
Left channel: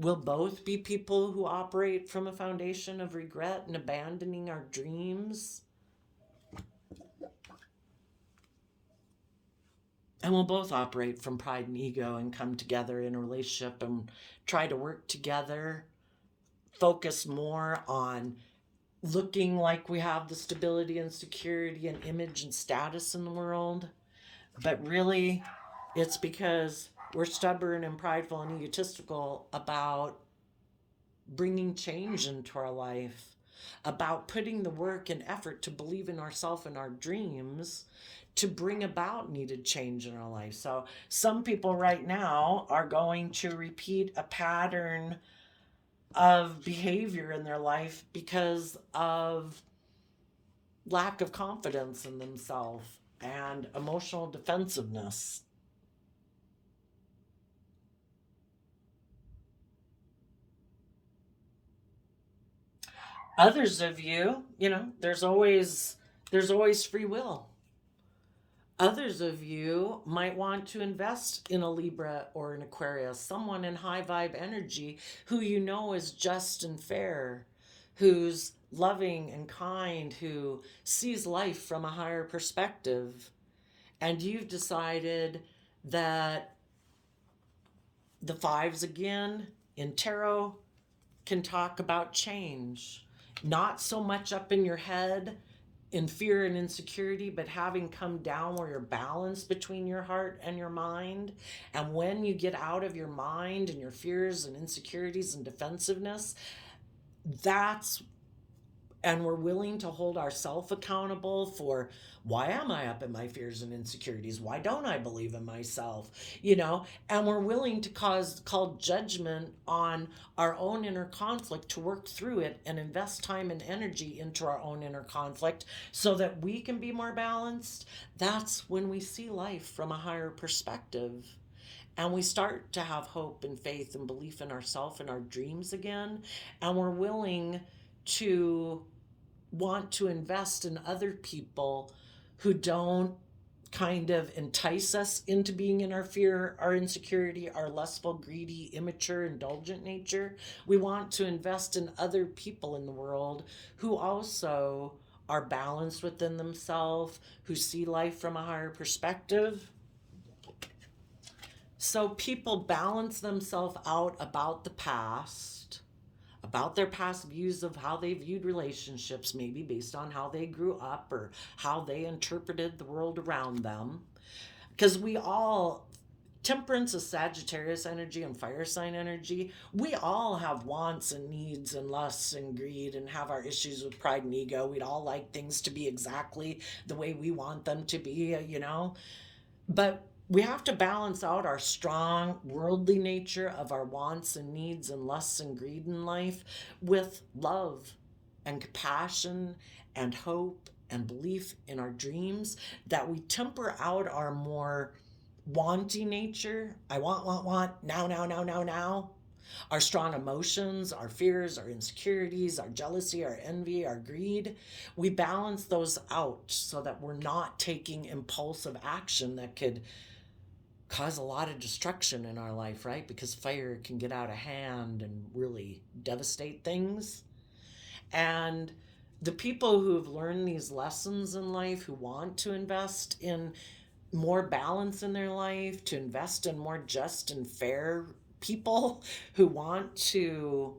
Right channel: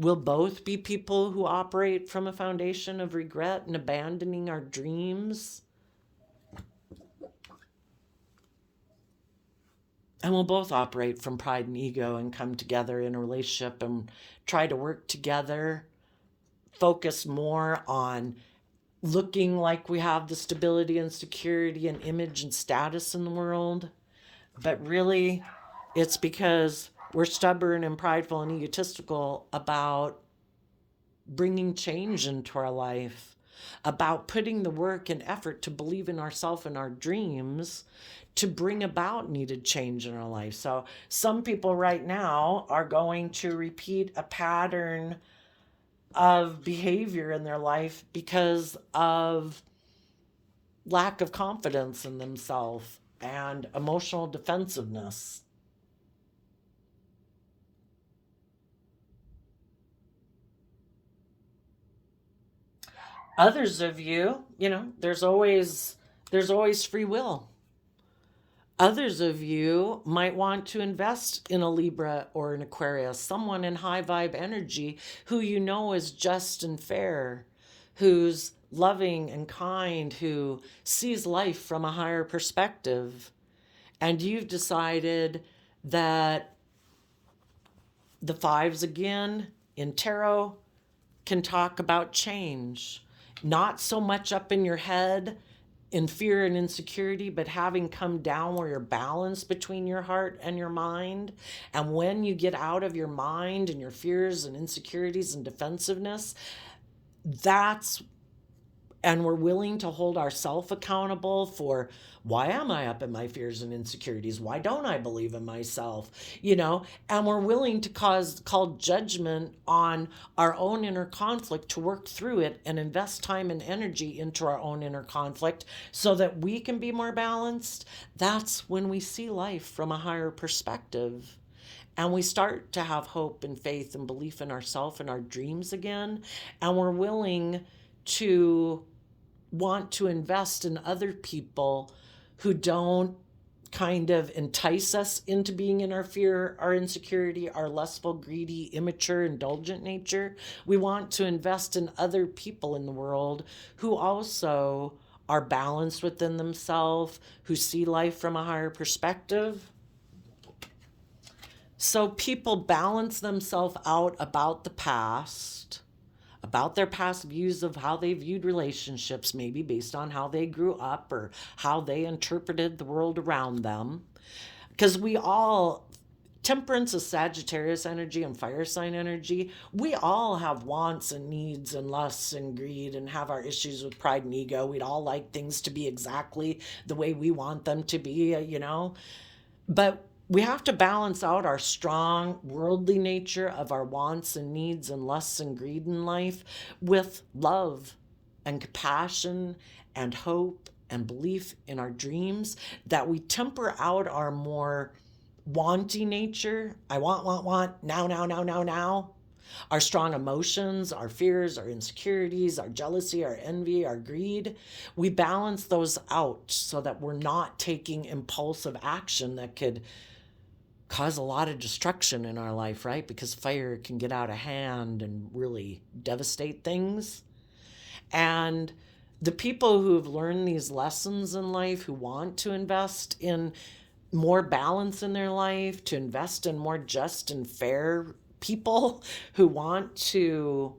We'll both be people who operate from a foundation of regret and abandoning our dreams. And we'll both operate from pride and ego and come together in a relationship and try to work together, focus more on looking like we have the stability and security and image and status in the world. But really, it's because we're stubborn and prideful and egotistical about bringing change into our life, about putting the work and effort to believe in ourselves and our dreams to bring about needed change in our life. So some people right now are going to repeat a pattern of behavior in their life because of lack of confidence in themselves and emotional defensiveness. Others of you, there's always free will. Others of you might want to invest in a Libra or an Aquarius, someone in high vibe energy who you know is just and fair, who's loving and kind, who sees life from a higher perspective. And you've decided that the fives again in tarot can talk about change, not so much up in your head in fear and insecurity, but having come down where you're balanced between your heart and your mind. And when you get out of your mind and your fears and insecurities and defensiveness, and we're willing to hold ourselves accountable for, why am I up in my fears and insecurities? Why don't I believe in myself? And we're willing to call judgment on our own inner conflict, to work through it and invest time and energy into our own inner conflict so that we can be more balanced. That's when we see life from a higher perspective. And we start to have hope and faith and belief in ourselves and our dreams again. And we're willing to want to invest in other people who don't kind of entice us into being in our fear, our insecurity, our lustful, greedy, immature, indulgent nature. We want to invest in other people in the world who also are balanced within themselves, who see life from a higher perspective. So people balance themselves out about the past, about their past views of how they viewed relationships, maybe based on how they grew up or how they interpreted the world around them. Because Temperance is Sagittarius energy and fire sign energy. We all have wants and needs and lusts and greed and have our issues with pride and ego. We'd all like things to be exactly the way we want them to be, But we have to balance out our strong worldly nature of our wants and needs and lusts and greed in life with love and compassion and hope and belief in our dreams, that we temper out our more wanty nature. I want, now. Our strong emotions, our fears, our insecurities, our jealousy, our envy, our greed, we balance those out so that we're not taking impulsive action that could cause a lot of destruction in our life, right? Because fire can get out of hand and really devastate things. And the people who have learned these lessons in life, who want to invest in more balance in their life, to invest in more just and fair people, who want to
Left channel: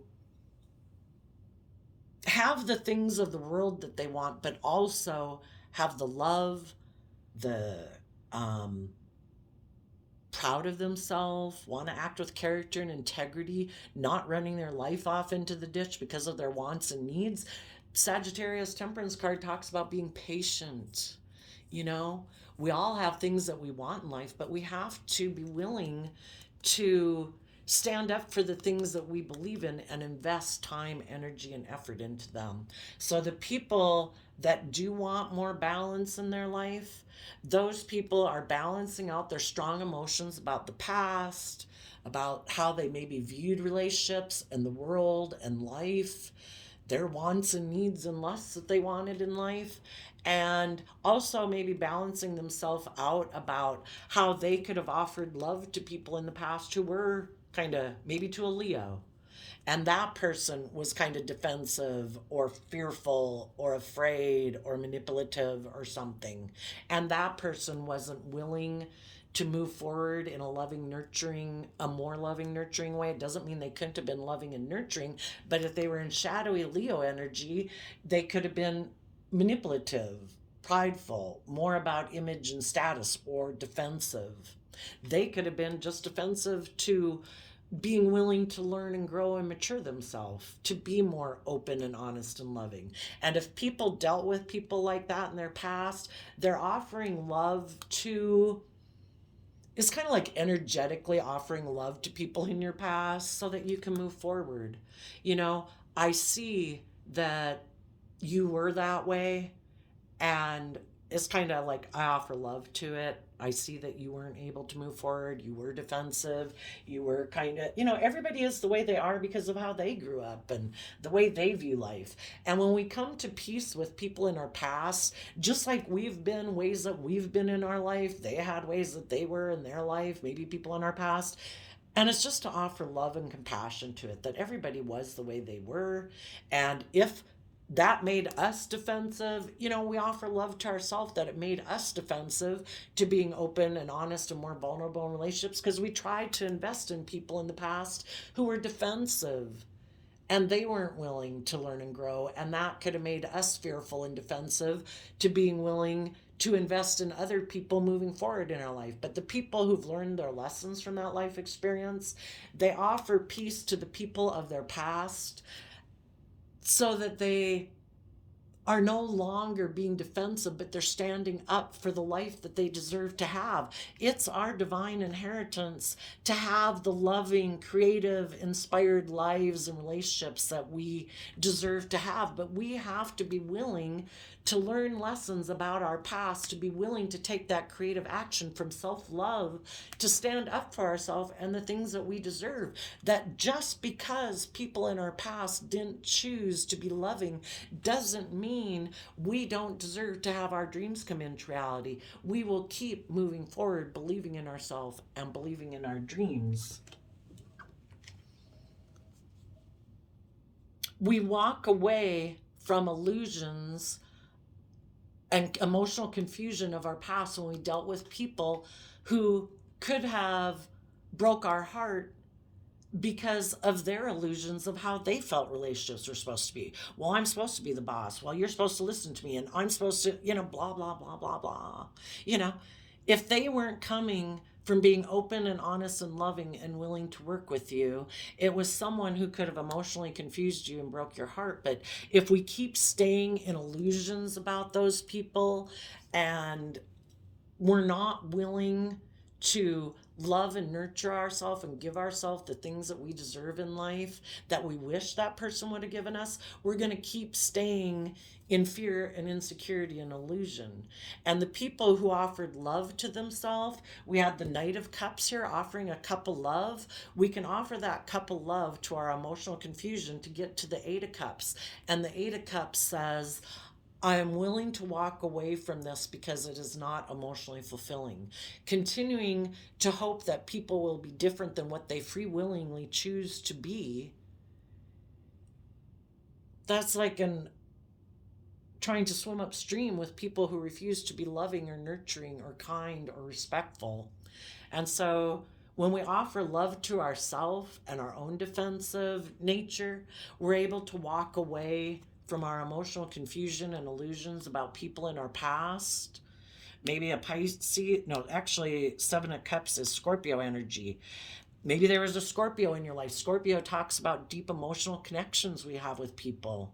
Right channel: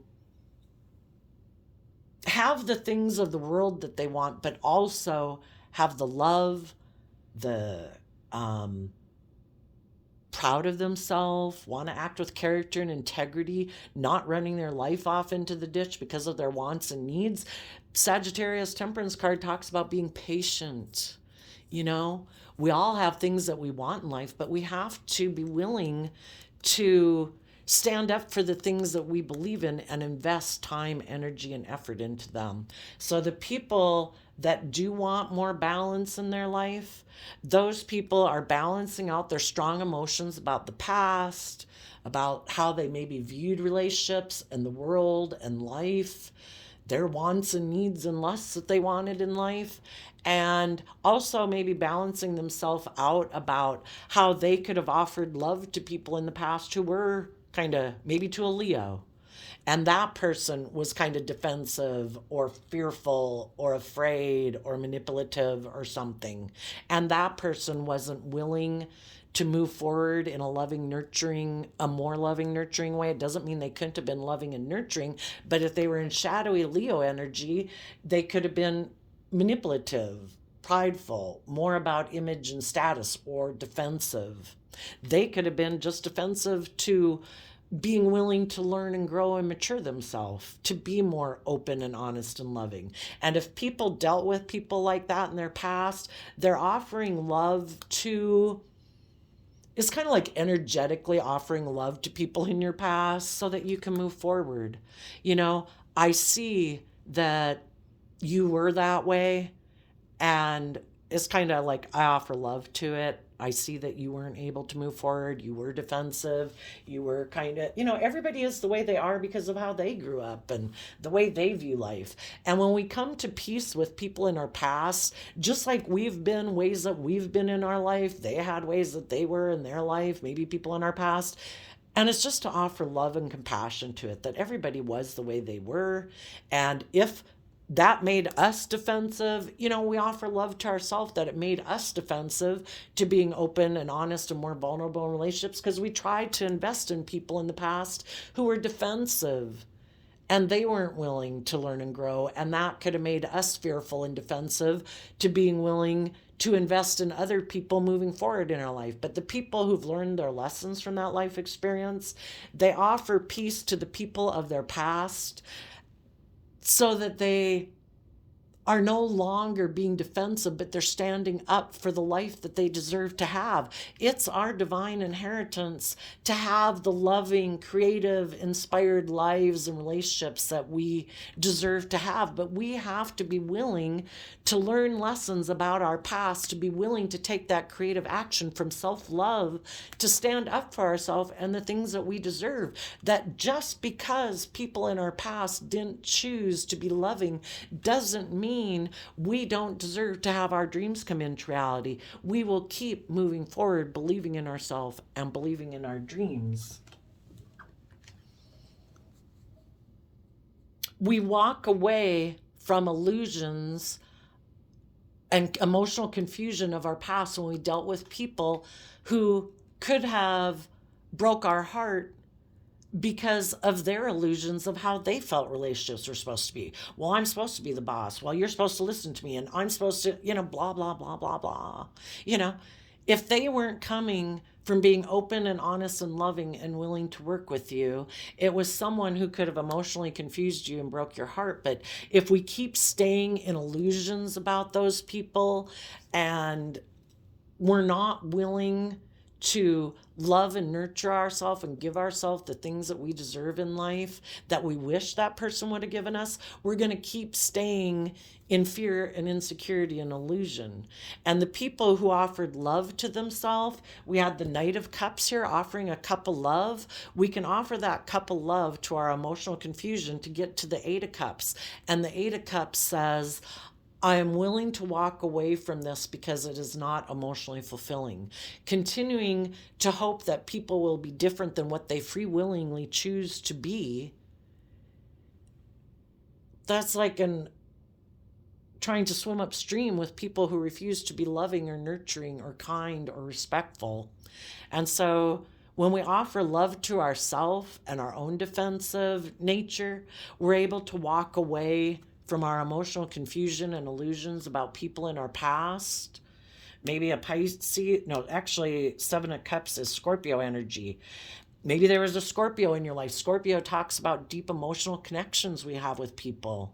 have the things of the world that they want, but also have the love, the proud of themselves, want to act with character and integrity, not running their life off into the ditch because of their wants and needs. Sagittarius Temperance card talks about being patient. We all have things that we want in life, but we have to be willing to stand up for the things that we believe in and invest time, energy, and effort into them. So the people that do want more balance in their life, those people are balancing out their strong emotions about the past, about how they maybe viewed relationships and the world and life, their wants and needs and lusts that they wanted in life, and also maybe balancing themselves out about how they could have offered love to people in the past who were kind of maybe to a Leo, And that person was kind of defensive or fearful or afraid or manipulative or something. And that person wasn't willing to move forward in a loving, nurturing, a more loving, nurturing way. It doesn't mean they couldn't have been loving and nurturing, but if they were in shadowy Leo energy, they could have been manipulative, prideful, more about image and status, or defensive. They could have been just defensive to being willing to learn and grow and mature themselves, to be more open and honest and loving. And if people dealt with people like that in their past, they're offering love to, it's kind of like energetically offering love to people in your past so that you can move forward. You know, I see that you were that way, and it's kind of like I offer love to it. I see that you weren't able to move forward. You were defensive. You were kind of, everybody is the way they are because of how they grew up and the way they view life. And when we come to peace with people in our past, just like we've been ways that we've been in our life, they had ways that they were in their life, maybe people in our past. And it's just to offer love and compassion to it, that everybody was the way they were. And if that made us defensive, we offer love to ourselves that it made us defensive to being open and honest and more vulnerable in relationships, because we tried to invest in people in the past who were defensive and they weren't willing to learn and grow. And that could have made us fearful and defensive to being willing to invest in other people moving forward in our life. But the people who've learned their lessons from that life experience, they offer peace to the people of their past, so that they are no longer being defensive, but they're standing up for the life that they deserve to have. It's our divine inheritance to have the loving, creative, inspired lives and relationships that we deserve to have. But we have to be willing to learn lessons about our past, to be willing to take that creative action from self-love, to stand up for ourselves and the things that we deserve. That just because people in our past didn't choose to be loving doesn't mean we don't deserve to have our dreams come into reality. We will keep moving forward, believing in ourselves and believing in our dreams. We walk away from illusions and emotional confusion of our past when we dealt with people who could have broke our heart because of their illusions of how they felt relationships were supposed to be. Well, I'm supposed to be the boss. Well, you're supposed to listen to me, and I'm supposed to, blah, blah, blah, blah, blah. If they weren't coming from being open and honest and loving and willing to work with you, it was someone who could have emotionally confused you and broke your heart. But if we keep staying in illusions about those people and we're not willing to love and nurture ourselves and give ourselves the things that we deserve in life that we wish that person would have given us, we're going to keep staying in fear and insecurity and illusion. And the people who offered love to themselves, we had the Knight of Cups here offering a cup of love. We can offer that cup of love to our emotional confusion to get to the Eight of Cups. And the Eight of Cups says, I am willing to walk away from this because it is not emotionally fulfilling. Continuing to hope that people will be different than what they free willingly choose to be. That's like trying to swim upstream with people who refuse to be loving or nurturing or kind or respectful. And so when we offer love to ourselves and our own defensive nature, we're able to walk away from our emotional confusion and illusions about people in our past. Maybe a Pisces, no, actually Seven of Cups is Scorpio energy. Maybe there was a Scorpio in your life. Scorpio talks about deep emotional connections we have with people.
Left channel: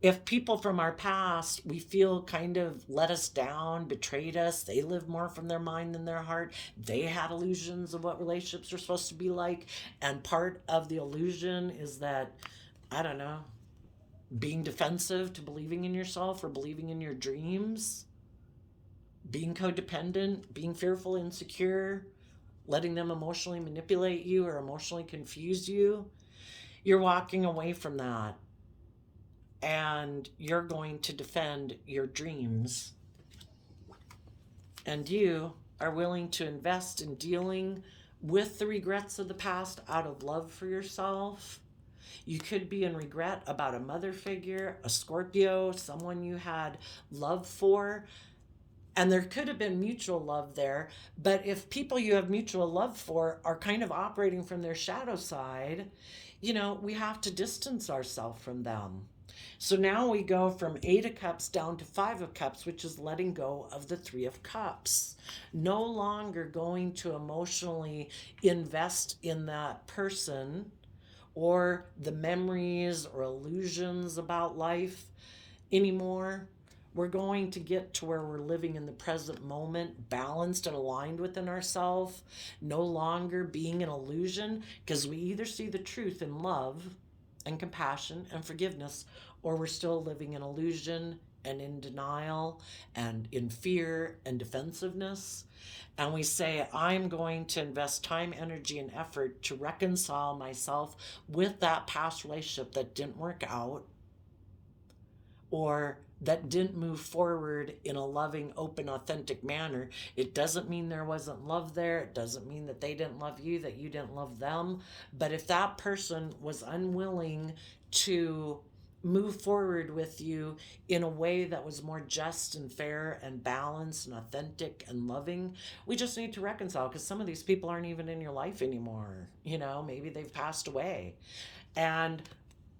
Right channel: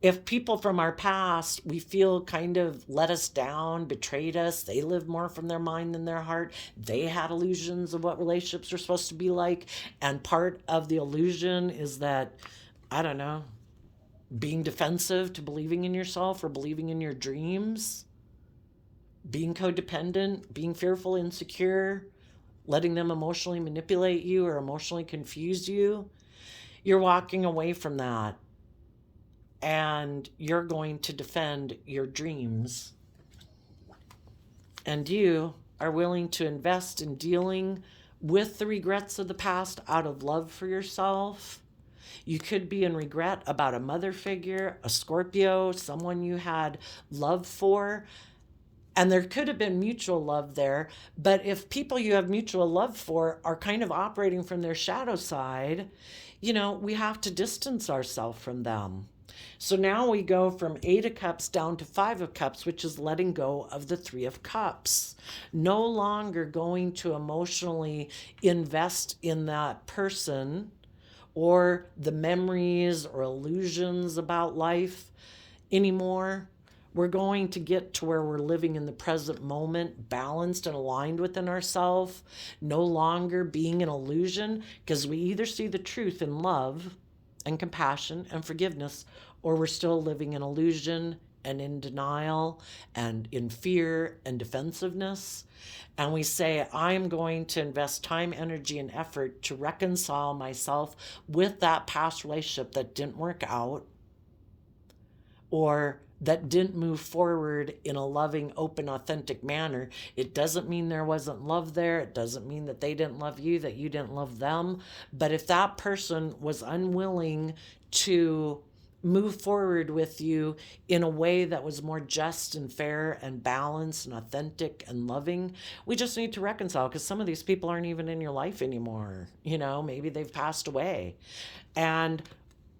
If people from our past, we feel kind of let us down, betrayed us, they live more from their mind than their heart, they had illusions of what relationships are supposed to be like, and part of the illusion is that, I don't know, being defensive to believing in yourself or believing in your dreams, being codependent, being fearful, insecure, letting them emotionally manipulate you or emotionally confuse you. You're walking away from that, and you're going to defend your dreams. And you are willing to invest in dealing with the regrets of the past out of love for yourself. You could be in regret about a mother figure, a Scorpio, someone you had love for. And there could have been mutual love there. But if people you have mutual love for are kind of operating from their shadow side, we have to distance ourselves from them. So now we go from 8 of Cups down to 5 of Cups, which is letting go of the 3 of Cups. No longer going to emotionally invest in that person or the memories or illusions about life anymore. We're going to get to where we're living in the present moment, balanced and aligned within ourselves, no longer being an illusion, because we either see the truth in love and compassion and forgiveness, or we're still living in illusion and in denial and in fear and defensiveness. And we say, I'm going to invest time, energy, and effort to reconcile myself with that past relationship that didn't work out or that didn't move forward in a loving, open, authentic manner. It doesn't mean there wasn't love there. It doesn't mean that they didn't love you, that you didn't love them. But if that person was unwilling to move forward with you in a way that was more just and fair and balanced and authentic and loving, we just need to reconcile, because some of these people aren't even in your life anymore. Maybe they've passed away. And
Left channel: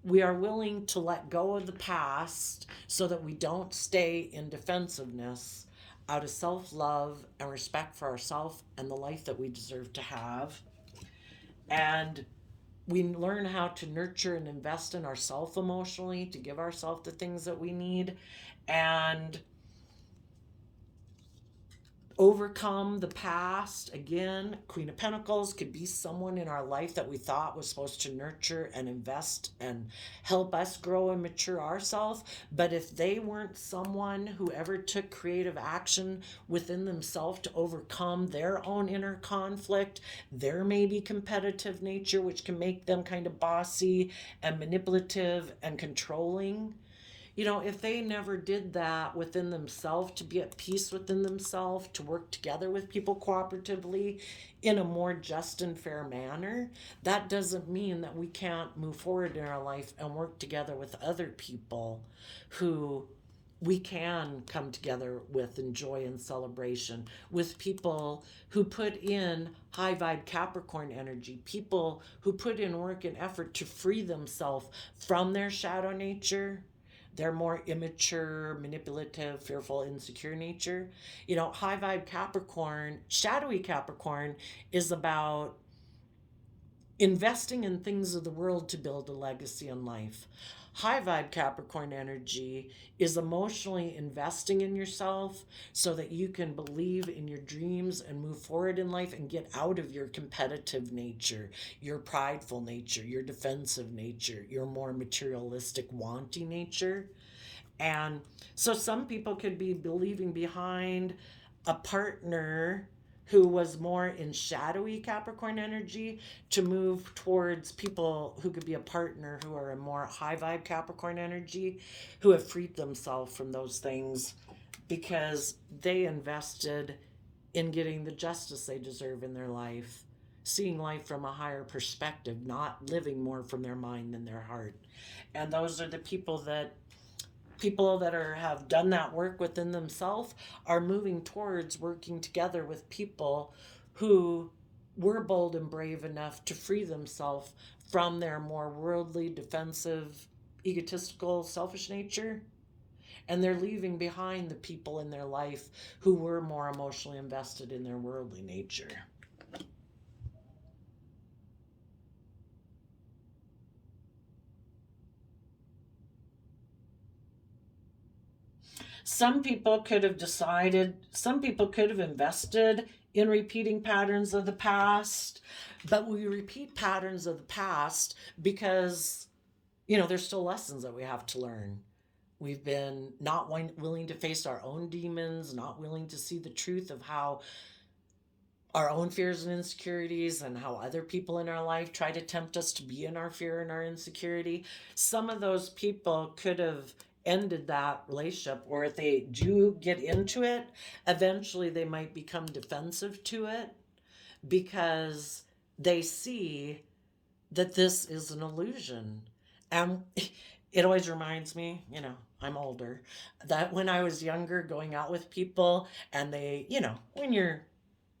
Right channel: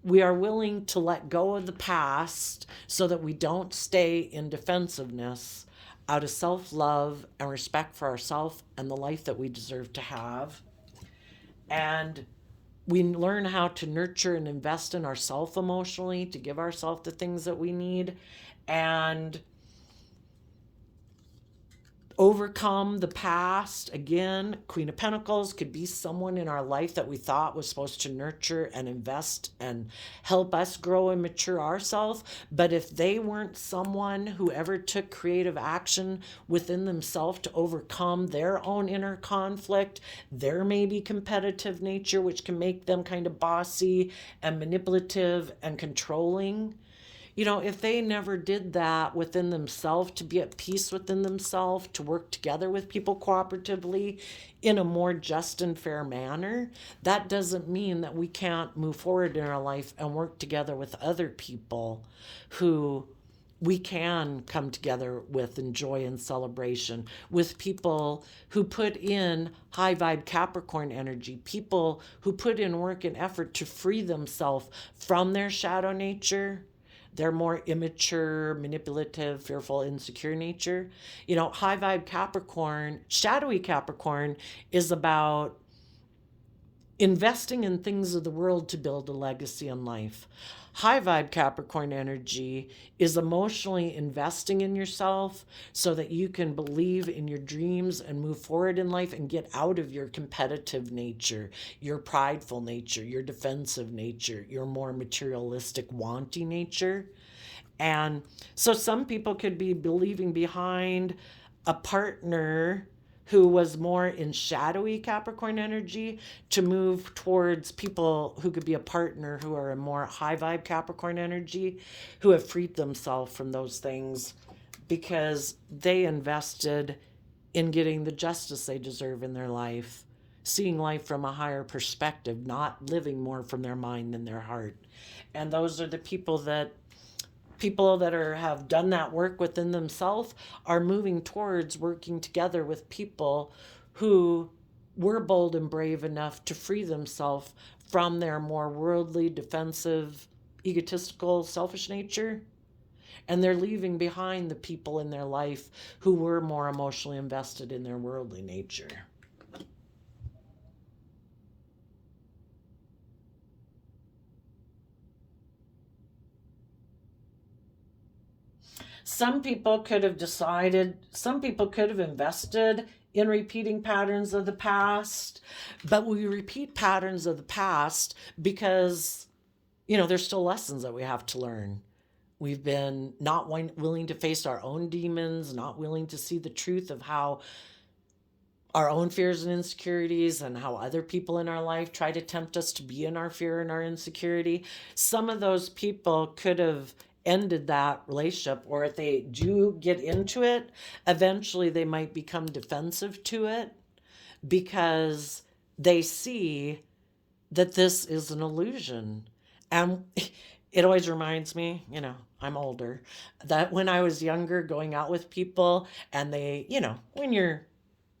we are willing to let go of the past so that we don't stay in defensiveness, out of self-love and respect for ourselves and the life that we deserve to have. And we learn how to nurture and invest in ourselves emotionally, to give ourselves the things that we need, and overcome the past. Again, Queen of Pentacles could be someone in our life that we thought was supposed to nurture and invest and help us grow and mature ourselves. But if they weren't someone who ever took creative action within themselves to overcome their own inner conflict, their maybe competitive nature, which can make them kind of bossy and manipulative and controlling, if they never did that within themselves, to be at peace within themselves, to work together with people cooperatively in a more just and fair manner, that doesn't mean that we can't move forward in our life and work together with other people who we can come together with in joy and celebration, with people who put in high vibe Capricorn energy, people who put in work and effort to free themselves from their shadow nature, their more immature, manipulative, fearful, insecure nature. High vibe Capricorn, shadowy Capricorn, is about investing in things of the world to build a legacy in life. High vibe Capricorn energy is emotionally investing in yourself so that you can believe in your dreams and move forward in life and get out of your competitive nature, your prideful nature, your defensive nature, your more materialistic, wanting nature. And so some people could be believing behind a partner who was more in shadowy Capricorn energy to move towards people who could be a partner who are in more high vibe Capricorn energy, who have freed themselves from those things because they invested in getting the justice they deserve in their life, seeing life from a higher perspective, not living more from their mind and their heart. And those are the people that have done that work within themselves are moving towards working together with people who were bold and brave enough to free themselves from their more worldly, defensive, egotistical, selfish nature. And they're leaving behind the people in their life who were more emotionally invested in their worldly nature. Some people could have invested in repeating patterns of the past, but we repeat patterns of the past because, there's still lessons that we have to learn. We've been not willing to face our own demons, not willing to see the truth of how our own fears and insecurities and how other people in our life try to tempt us to be in our fear and our insecurity. Some of those people could have ended that relationship, or if they do get into it, eventually they might become defensive to it because they see that this is an illusion. And it always reminds me, I'm older, that when I was younger, going out with people and they, when you're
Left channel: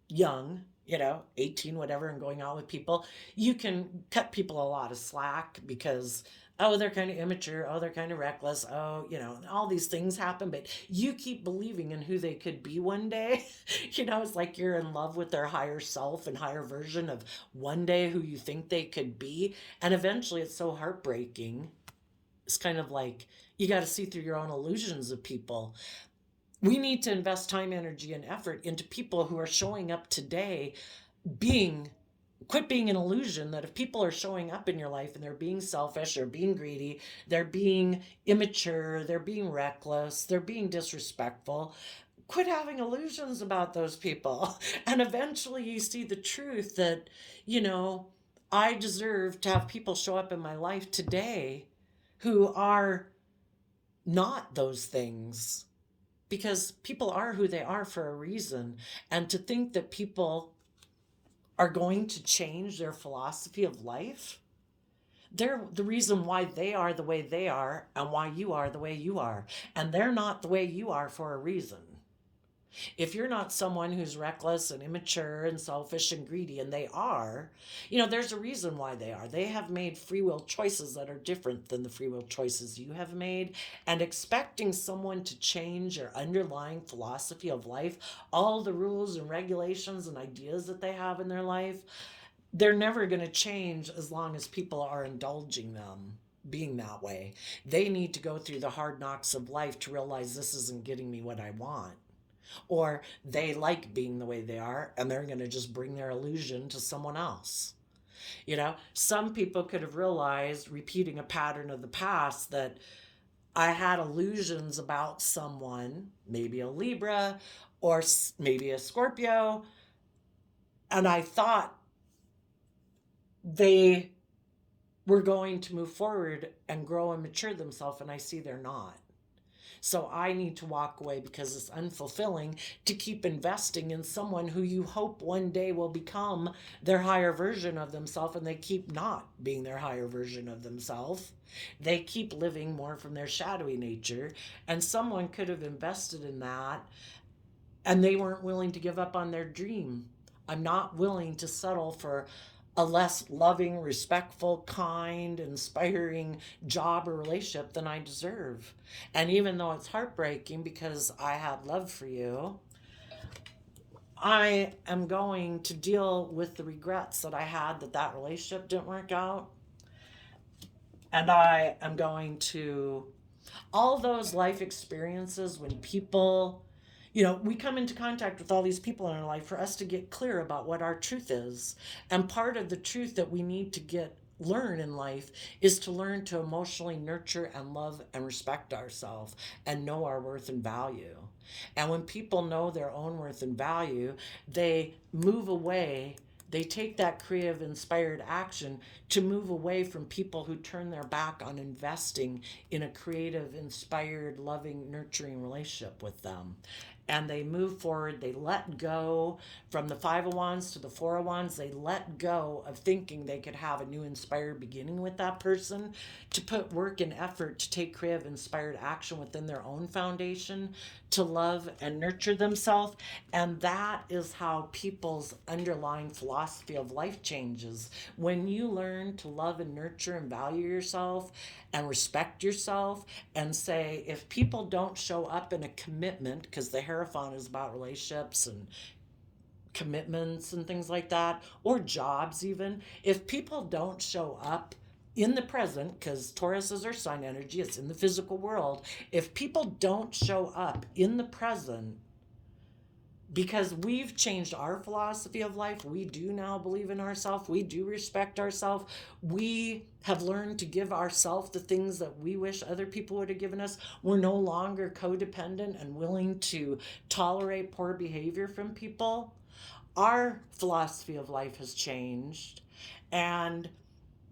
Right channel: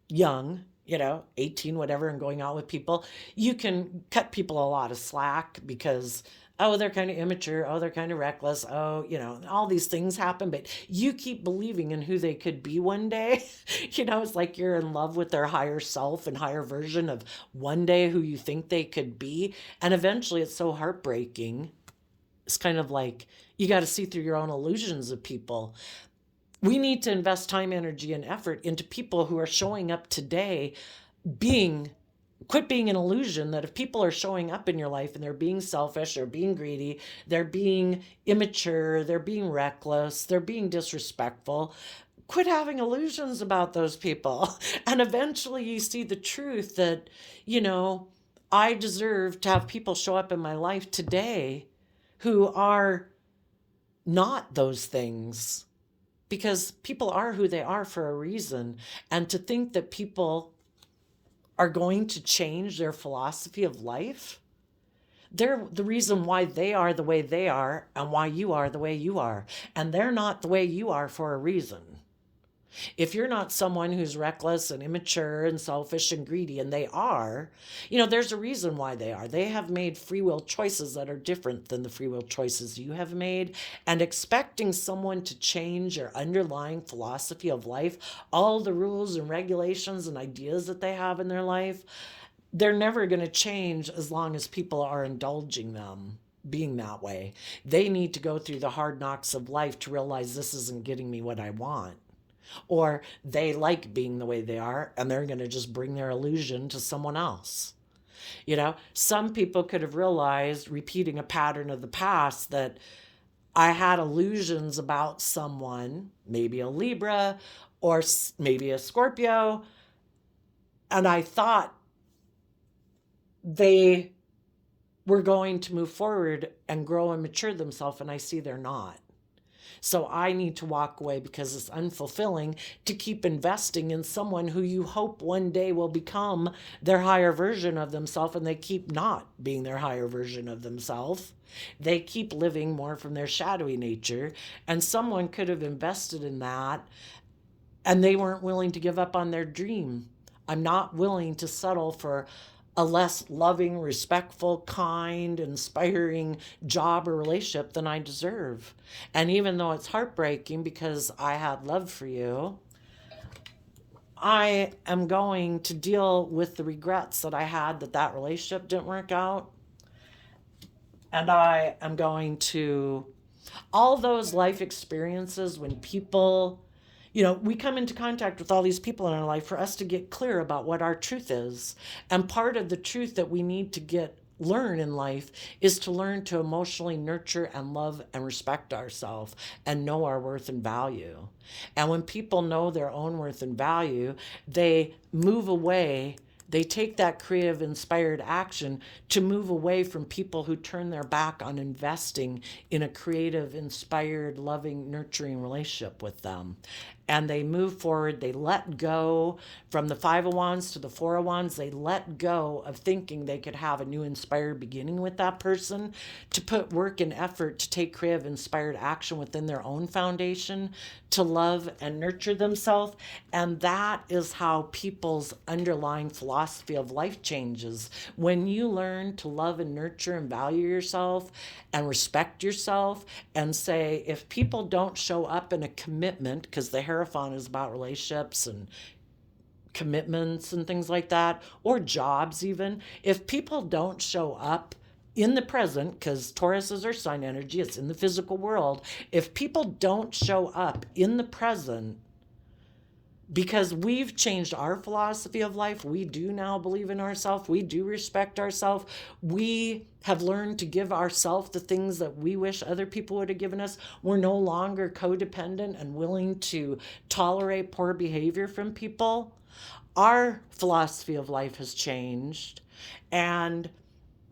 young, 18, whatever, and going out with people, you can cut people a lot of slack because, oh, they're kind of immature. Oh, they're kind of reckless. Oh, all these things happen, but you keep believing in who they could be one day. It's like you're in love with their higher self and higher version of one day who you think they could be. And eventually it's so heartbreaking. It's kind of like you got to see through your own illusions of people. We need to invest time, energy, and effort into people who are showing up today quit being an illusion that if people are showing up in your life and they're being selfish, they're being greedy, they're being immature, they're being reckless, they're being disrespectful, quit having illusions about those people. And eventually you see the truth that, I deserve to have people show up in my life today who are not those things, because people are who they are for a reason. And to think that people are going to change their philosophy of life, they're the reason why they are the way they are and why you are the way you are. And they're not the way you are for a reason. If you're not someone who's reckless and immature and selfish and greedy, and they are, there's a reason why they are. They have made free will choices that are different than the free will choices you have made. And expecting someone to change your underlying philosophy of life, all the rules and regulations and ideas that they have in their life, they're never going to change as long as people are indulging them being that way. They need to go through the hard knocks of life to realize this isn't getting me what I want. Or they like being the way they are and they're going to just bring their illusion to someone else. Some people could have realized, repeating a pattern of the past, that I had illusions about someone, maybe a Libra or maybe a Scorpio, and I thought they were going to move forward and grow and mature themselves, and I see they're not. So I need to walk away because it's unfulfilling to keep investing in someone who you hope one day will become their higher version of themselves, and they keep not being their higher version of themselves. They keep living more from their shadowy nature, and someone could have invested in that and they weren't willing to give up on their dream. I'm not willing to settle for a less loving, respectful, kind, inspiring job or relationship than I deserve. And even though it's heartbreaking because I had love for you, I am going to deal with the regrets that I had that relationship didn't work out. And I am going to, all those life experiences when people, we come into contact with all these people in our life for us to get clear about what our truth is. And part of the truth that we need to learn in life is to learn to emotionally nurture and love and respect ourselves and know our worth and value. And when people know their own worth and value, they move away. They take that creative, inspired action to move away from people who turn their back on investing in a creative, inspired, loving, nurturing relationship with them. And they move forward. They let go from the Five of Wands to the Four of Wands. They let go of thinking they could have a new inspired beginning with that person, to put work and effort to take creative, inspired action within their own foundation, to love and nurture themselves. And that is how people's underlying philosophy of life changes. When you learn to love and nurture and value yourself and respect yourself, and say, if people don't show up in a commitment, because the Hierophant is about relationships and commitments and things like that, or jobs even, if people don't show up in the present, because Taurus is our sun energy, it's in the physical world, if people don't show up in the present, because we've changed our philosophy of life, we do now believe in ourselves, we do respect ourselves, we have learned to give ourselves the things that we wish other people would have given us. We're no longer codependent and willing to tolerate poor behavior from people. Our philosophy of life has changed, and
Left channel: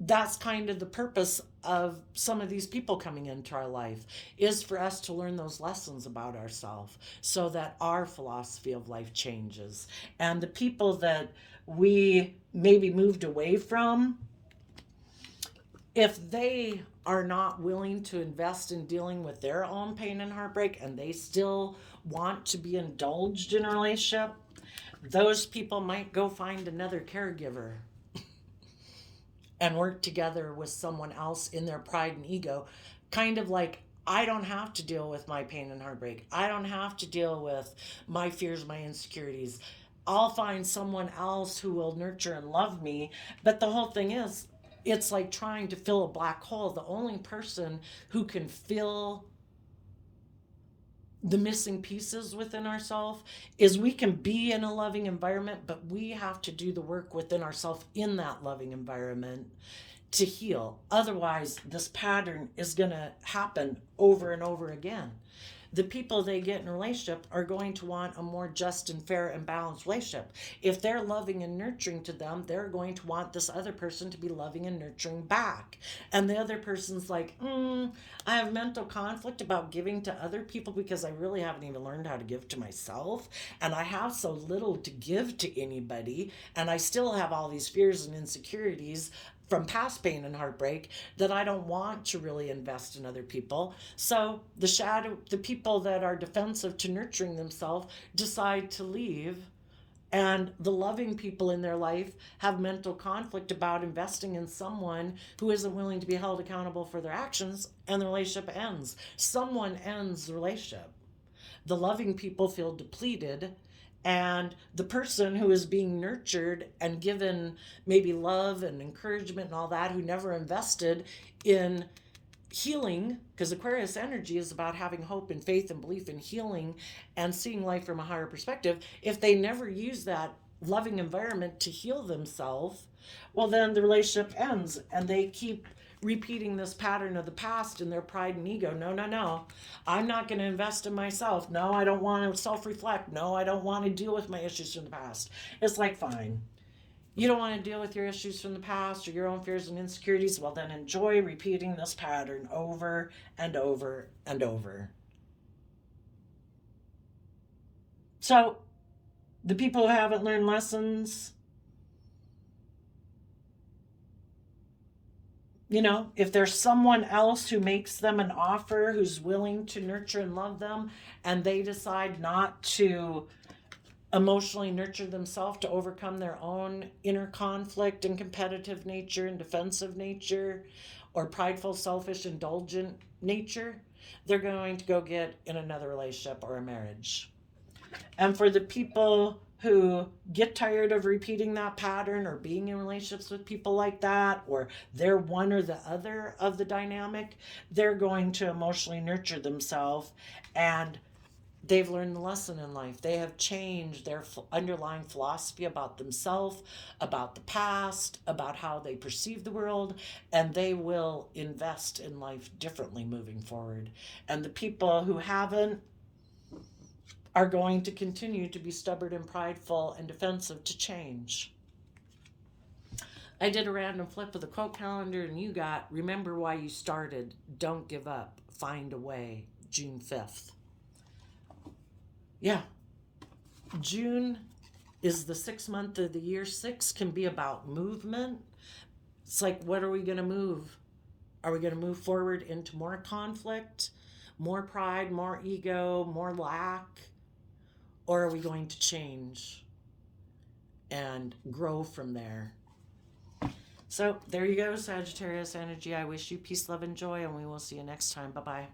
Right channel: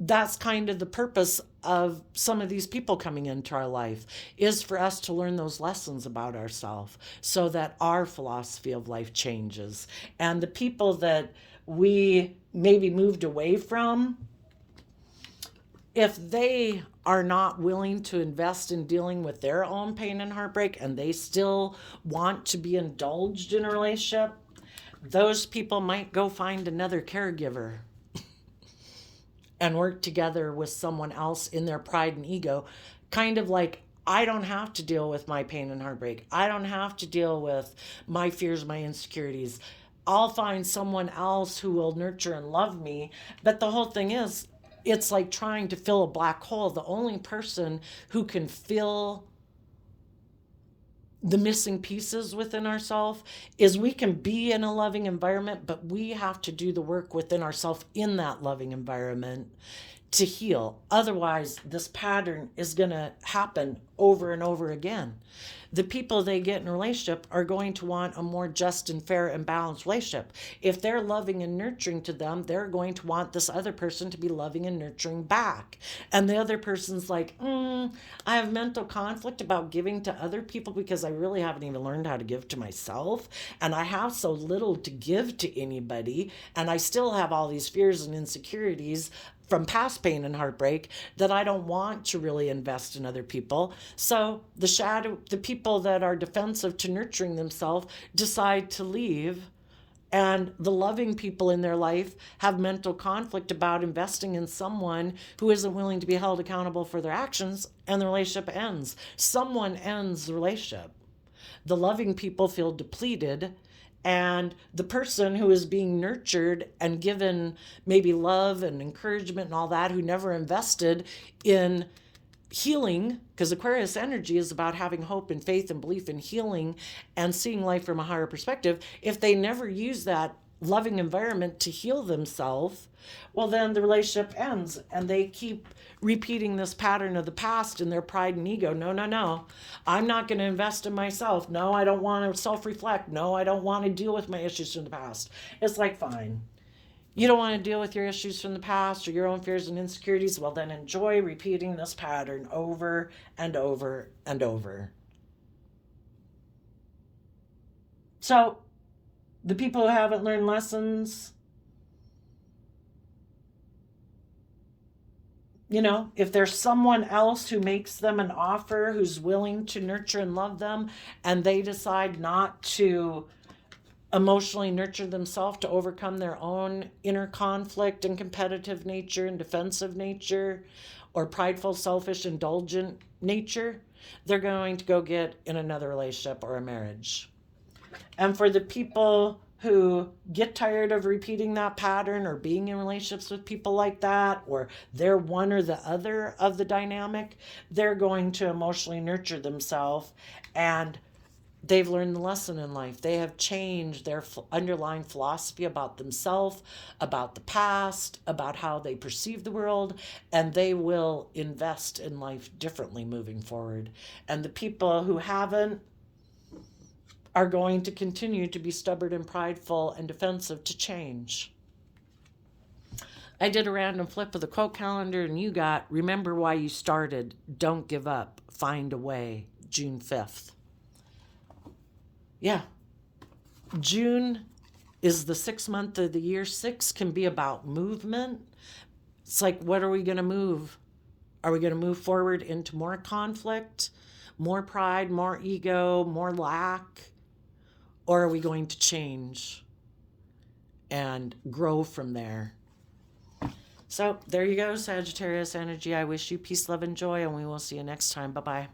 that's kind of the purpose of some of these people coming into our life, is for us to learn those lessons about ourselves so that our philosophy of life changes. And the people that we maybe moved away from, if they are not willing to invest in dealing with their own pain and heartbreak, and they still want to be indulged in a relationship, those people might go find another caregiver and work together with someone else in their pride and ego. Kind of like, I don't have to deal with my pain and heartbreak. I don't have to deal with my fears, my insecurities. I'll find someone else who will nurture and love me. But the whole thing is, it's like trying to fill a black hole. The only person who can fill the missing pieces within ourselves is, we can be in a loving environment, but we have to do the work within ourselves in that loving environment to heal. Otherwise, this pattern is going to happen over and over again. The people they get in a relationship are going to want a more just and fair and balanced relationship. If they're loving and nurturing to them, they're going to want this other person to be loving and nurturing back. And the other person's like, I have mental conflict about giving to other people because I really haven't even learned how to give to myself. And I have so little to give to anybody. And I still have all these fears and insecurities from past pain and heartbreak that I don't want to really invest in other people. So the people that are defensive to nurturing themselves decide to leave, and the loving people in their life have mental conflict about investing in someone who isn't willing to be held accountable for their actions, and the relationship ends. Someone ends the relationship. The loving people feel depleted, and the person who is being nurtured and given maybe love and encouragement and all that, who never invested in healing, because Aquarius energy is about having hope and faith and belief in healing and seeing life from a higher perspective, if they never use that loving environment to heal themselves, well, then the relationship ends, and they keep repeating this pattern of the past in their pride and ego. No, I'm not going to invest in myself. No, I don't want to self-reflect. No, I don't want to deal with my issues from the past. It's like, fine, you don't want to deal with your issues from the past or your own fears and insecurities. Well, then enjoy repeating this pattern over and over and over. So the people who haven't learned lessons, if there's someone else who makes them an offer, who's willing to nurture and love them, and they decide not to emotionally nurture themselves to overcome their own inner conflict and competitive nature and defensive nature or prideful, selfish, indulgent nature, they're going to go get in another relationship or a marriage. And for the people who get tired of repeating that pattern or being in relationships with people like that, or they're one or the other of the dynamic, they're going to emotionally nurture themselves, and they've learned the lesson in life. They have changed their underlying philosophy about themselves, about the past, about how they perceive the world, and they will invest in life differently moving forward. And the people who haven't are going to continue to be stubborn and prideful and defensive to change. I did a random flip of the quote calendar, and you got, remember why you started, don't give up, find a way, June 5th. Yeah, June is the 6th month of the year. 6 can be about movement. It's like, what are we going to move? Are we going to move forward into more conflict, more pride, more ego, more lack? Or are we going to change and grow from there? So there you go, Sagittarius energy. I wish you peace, love, and joy, and we will see you next time. Bye-bye.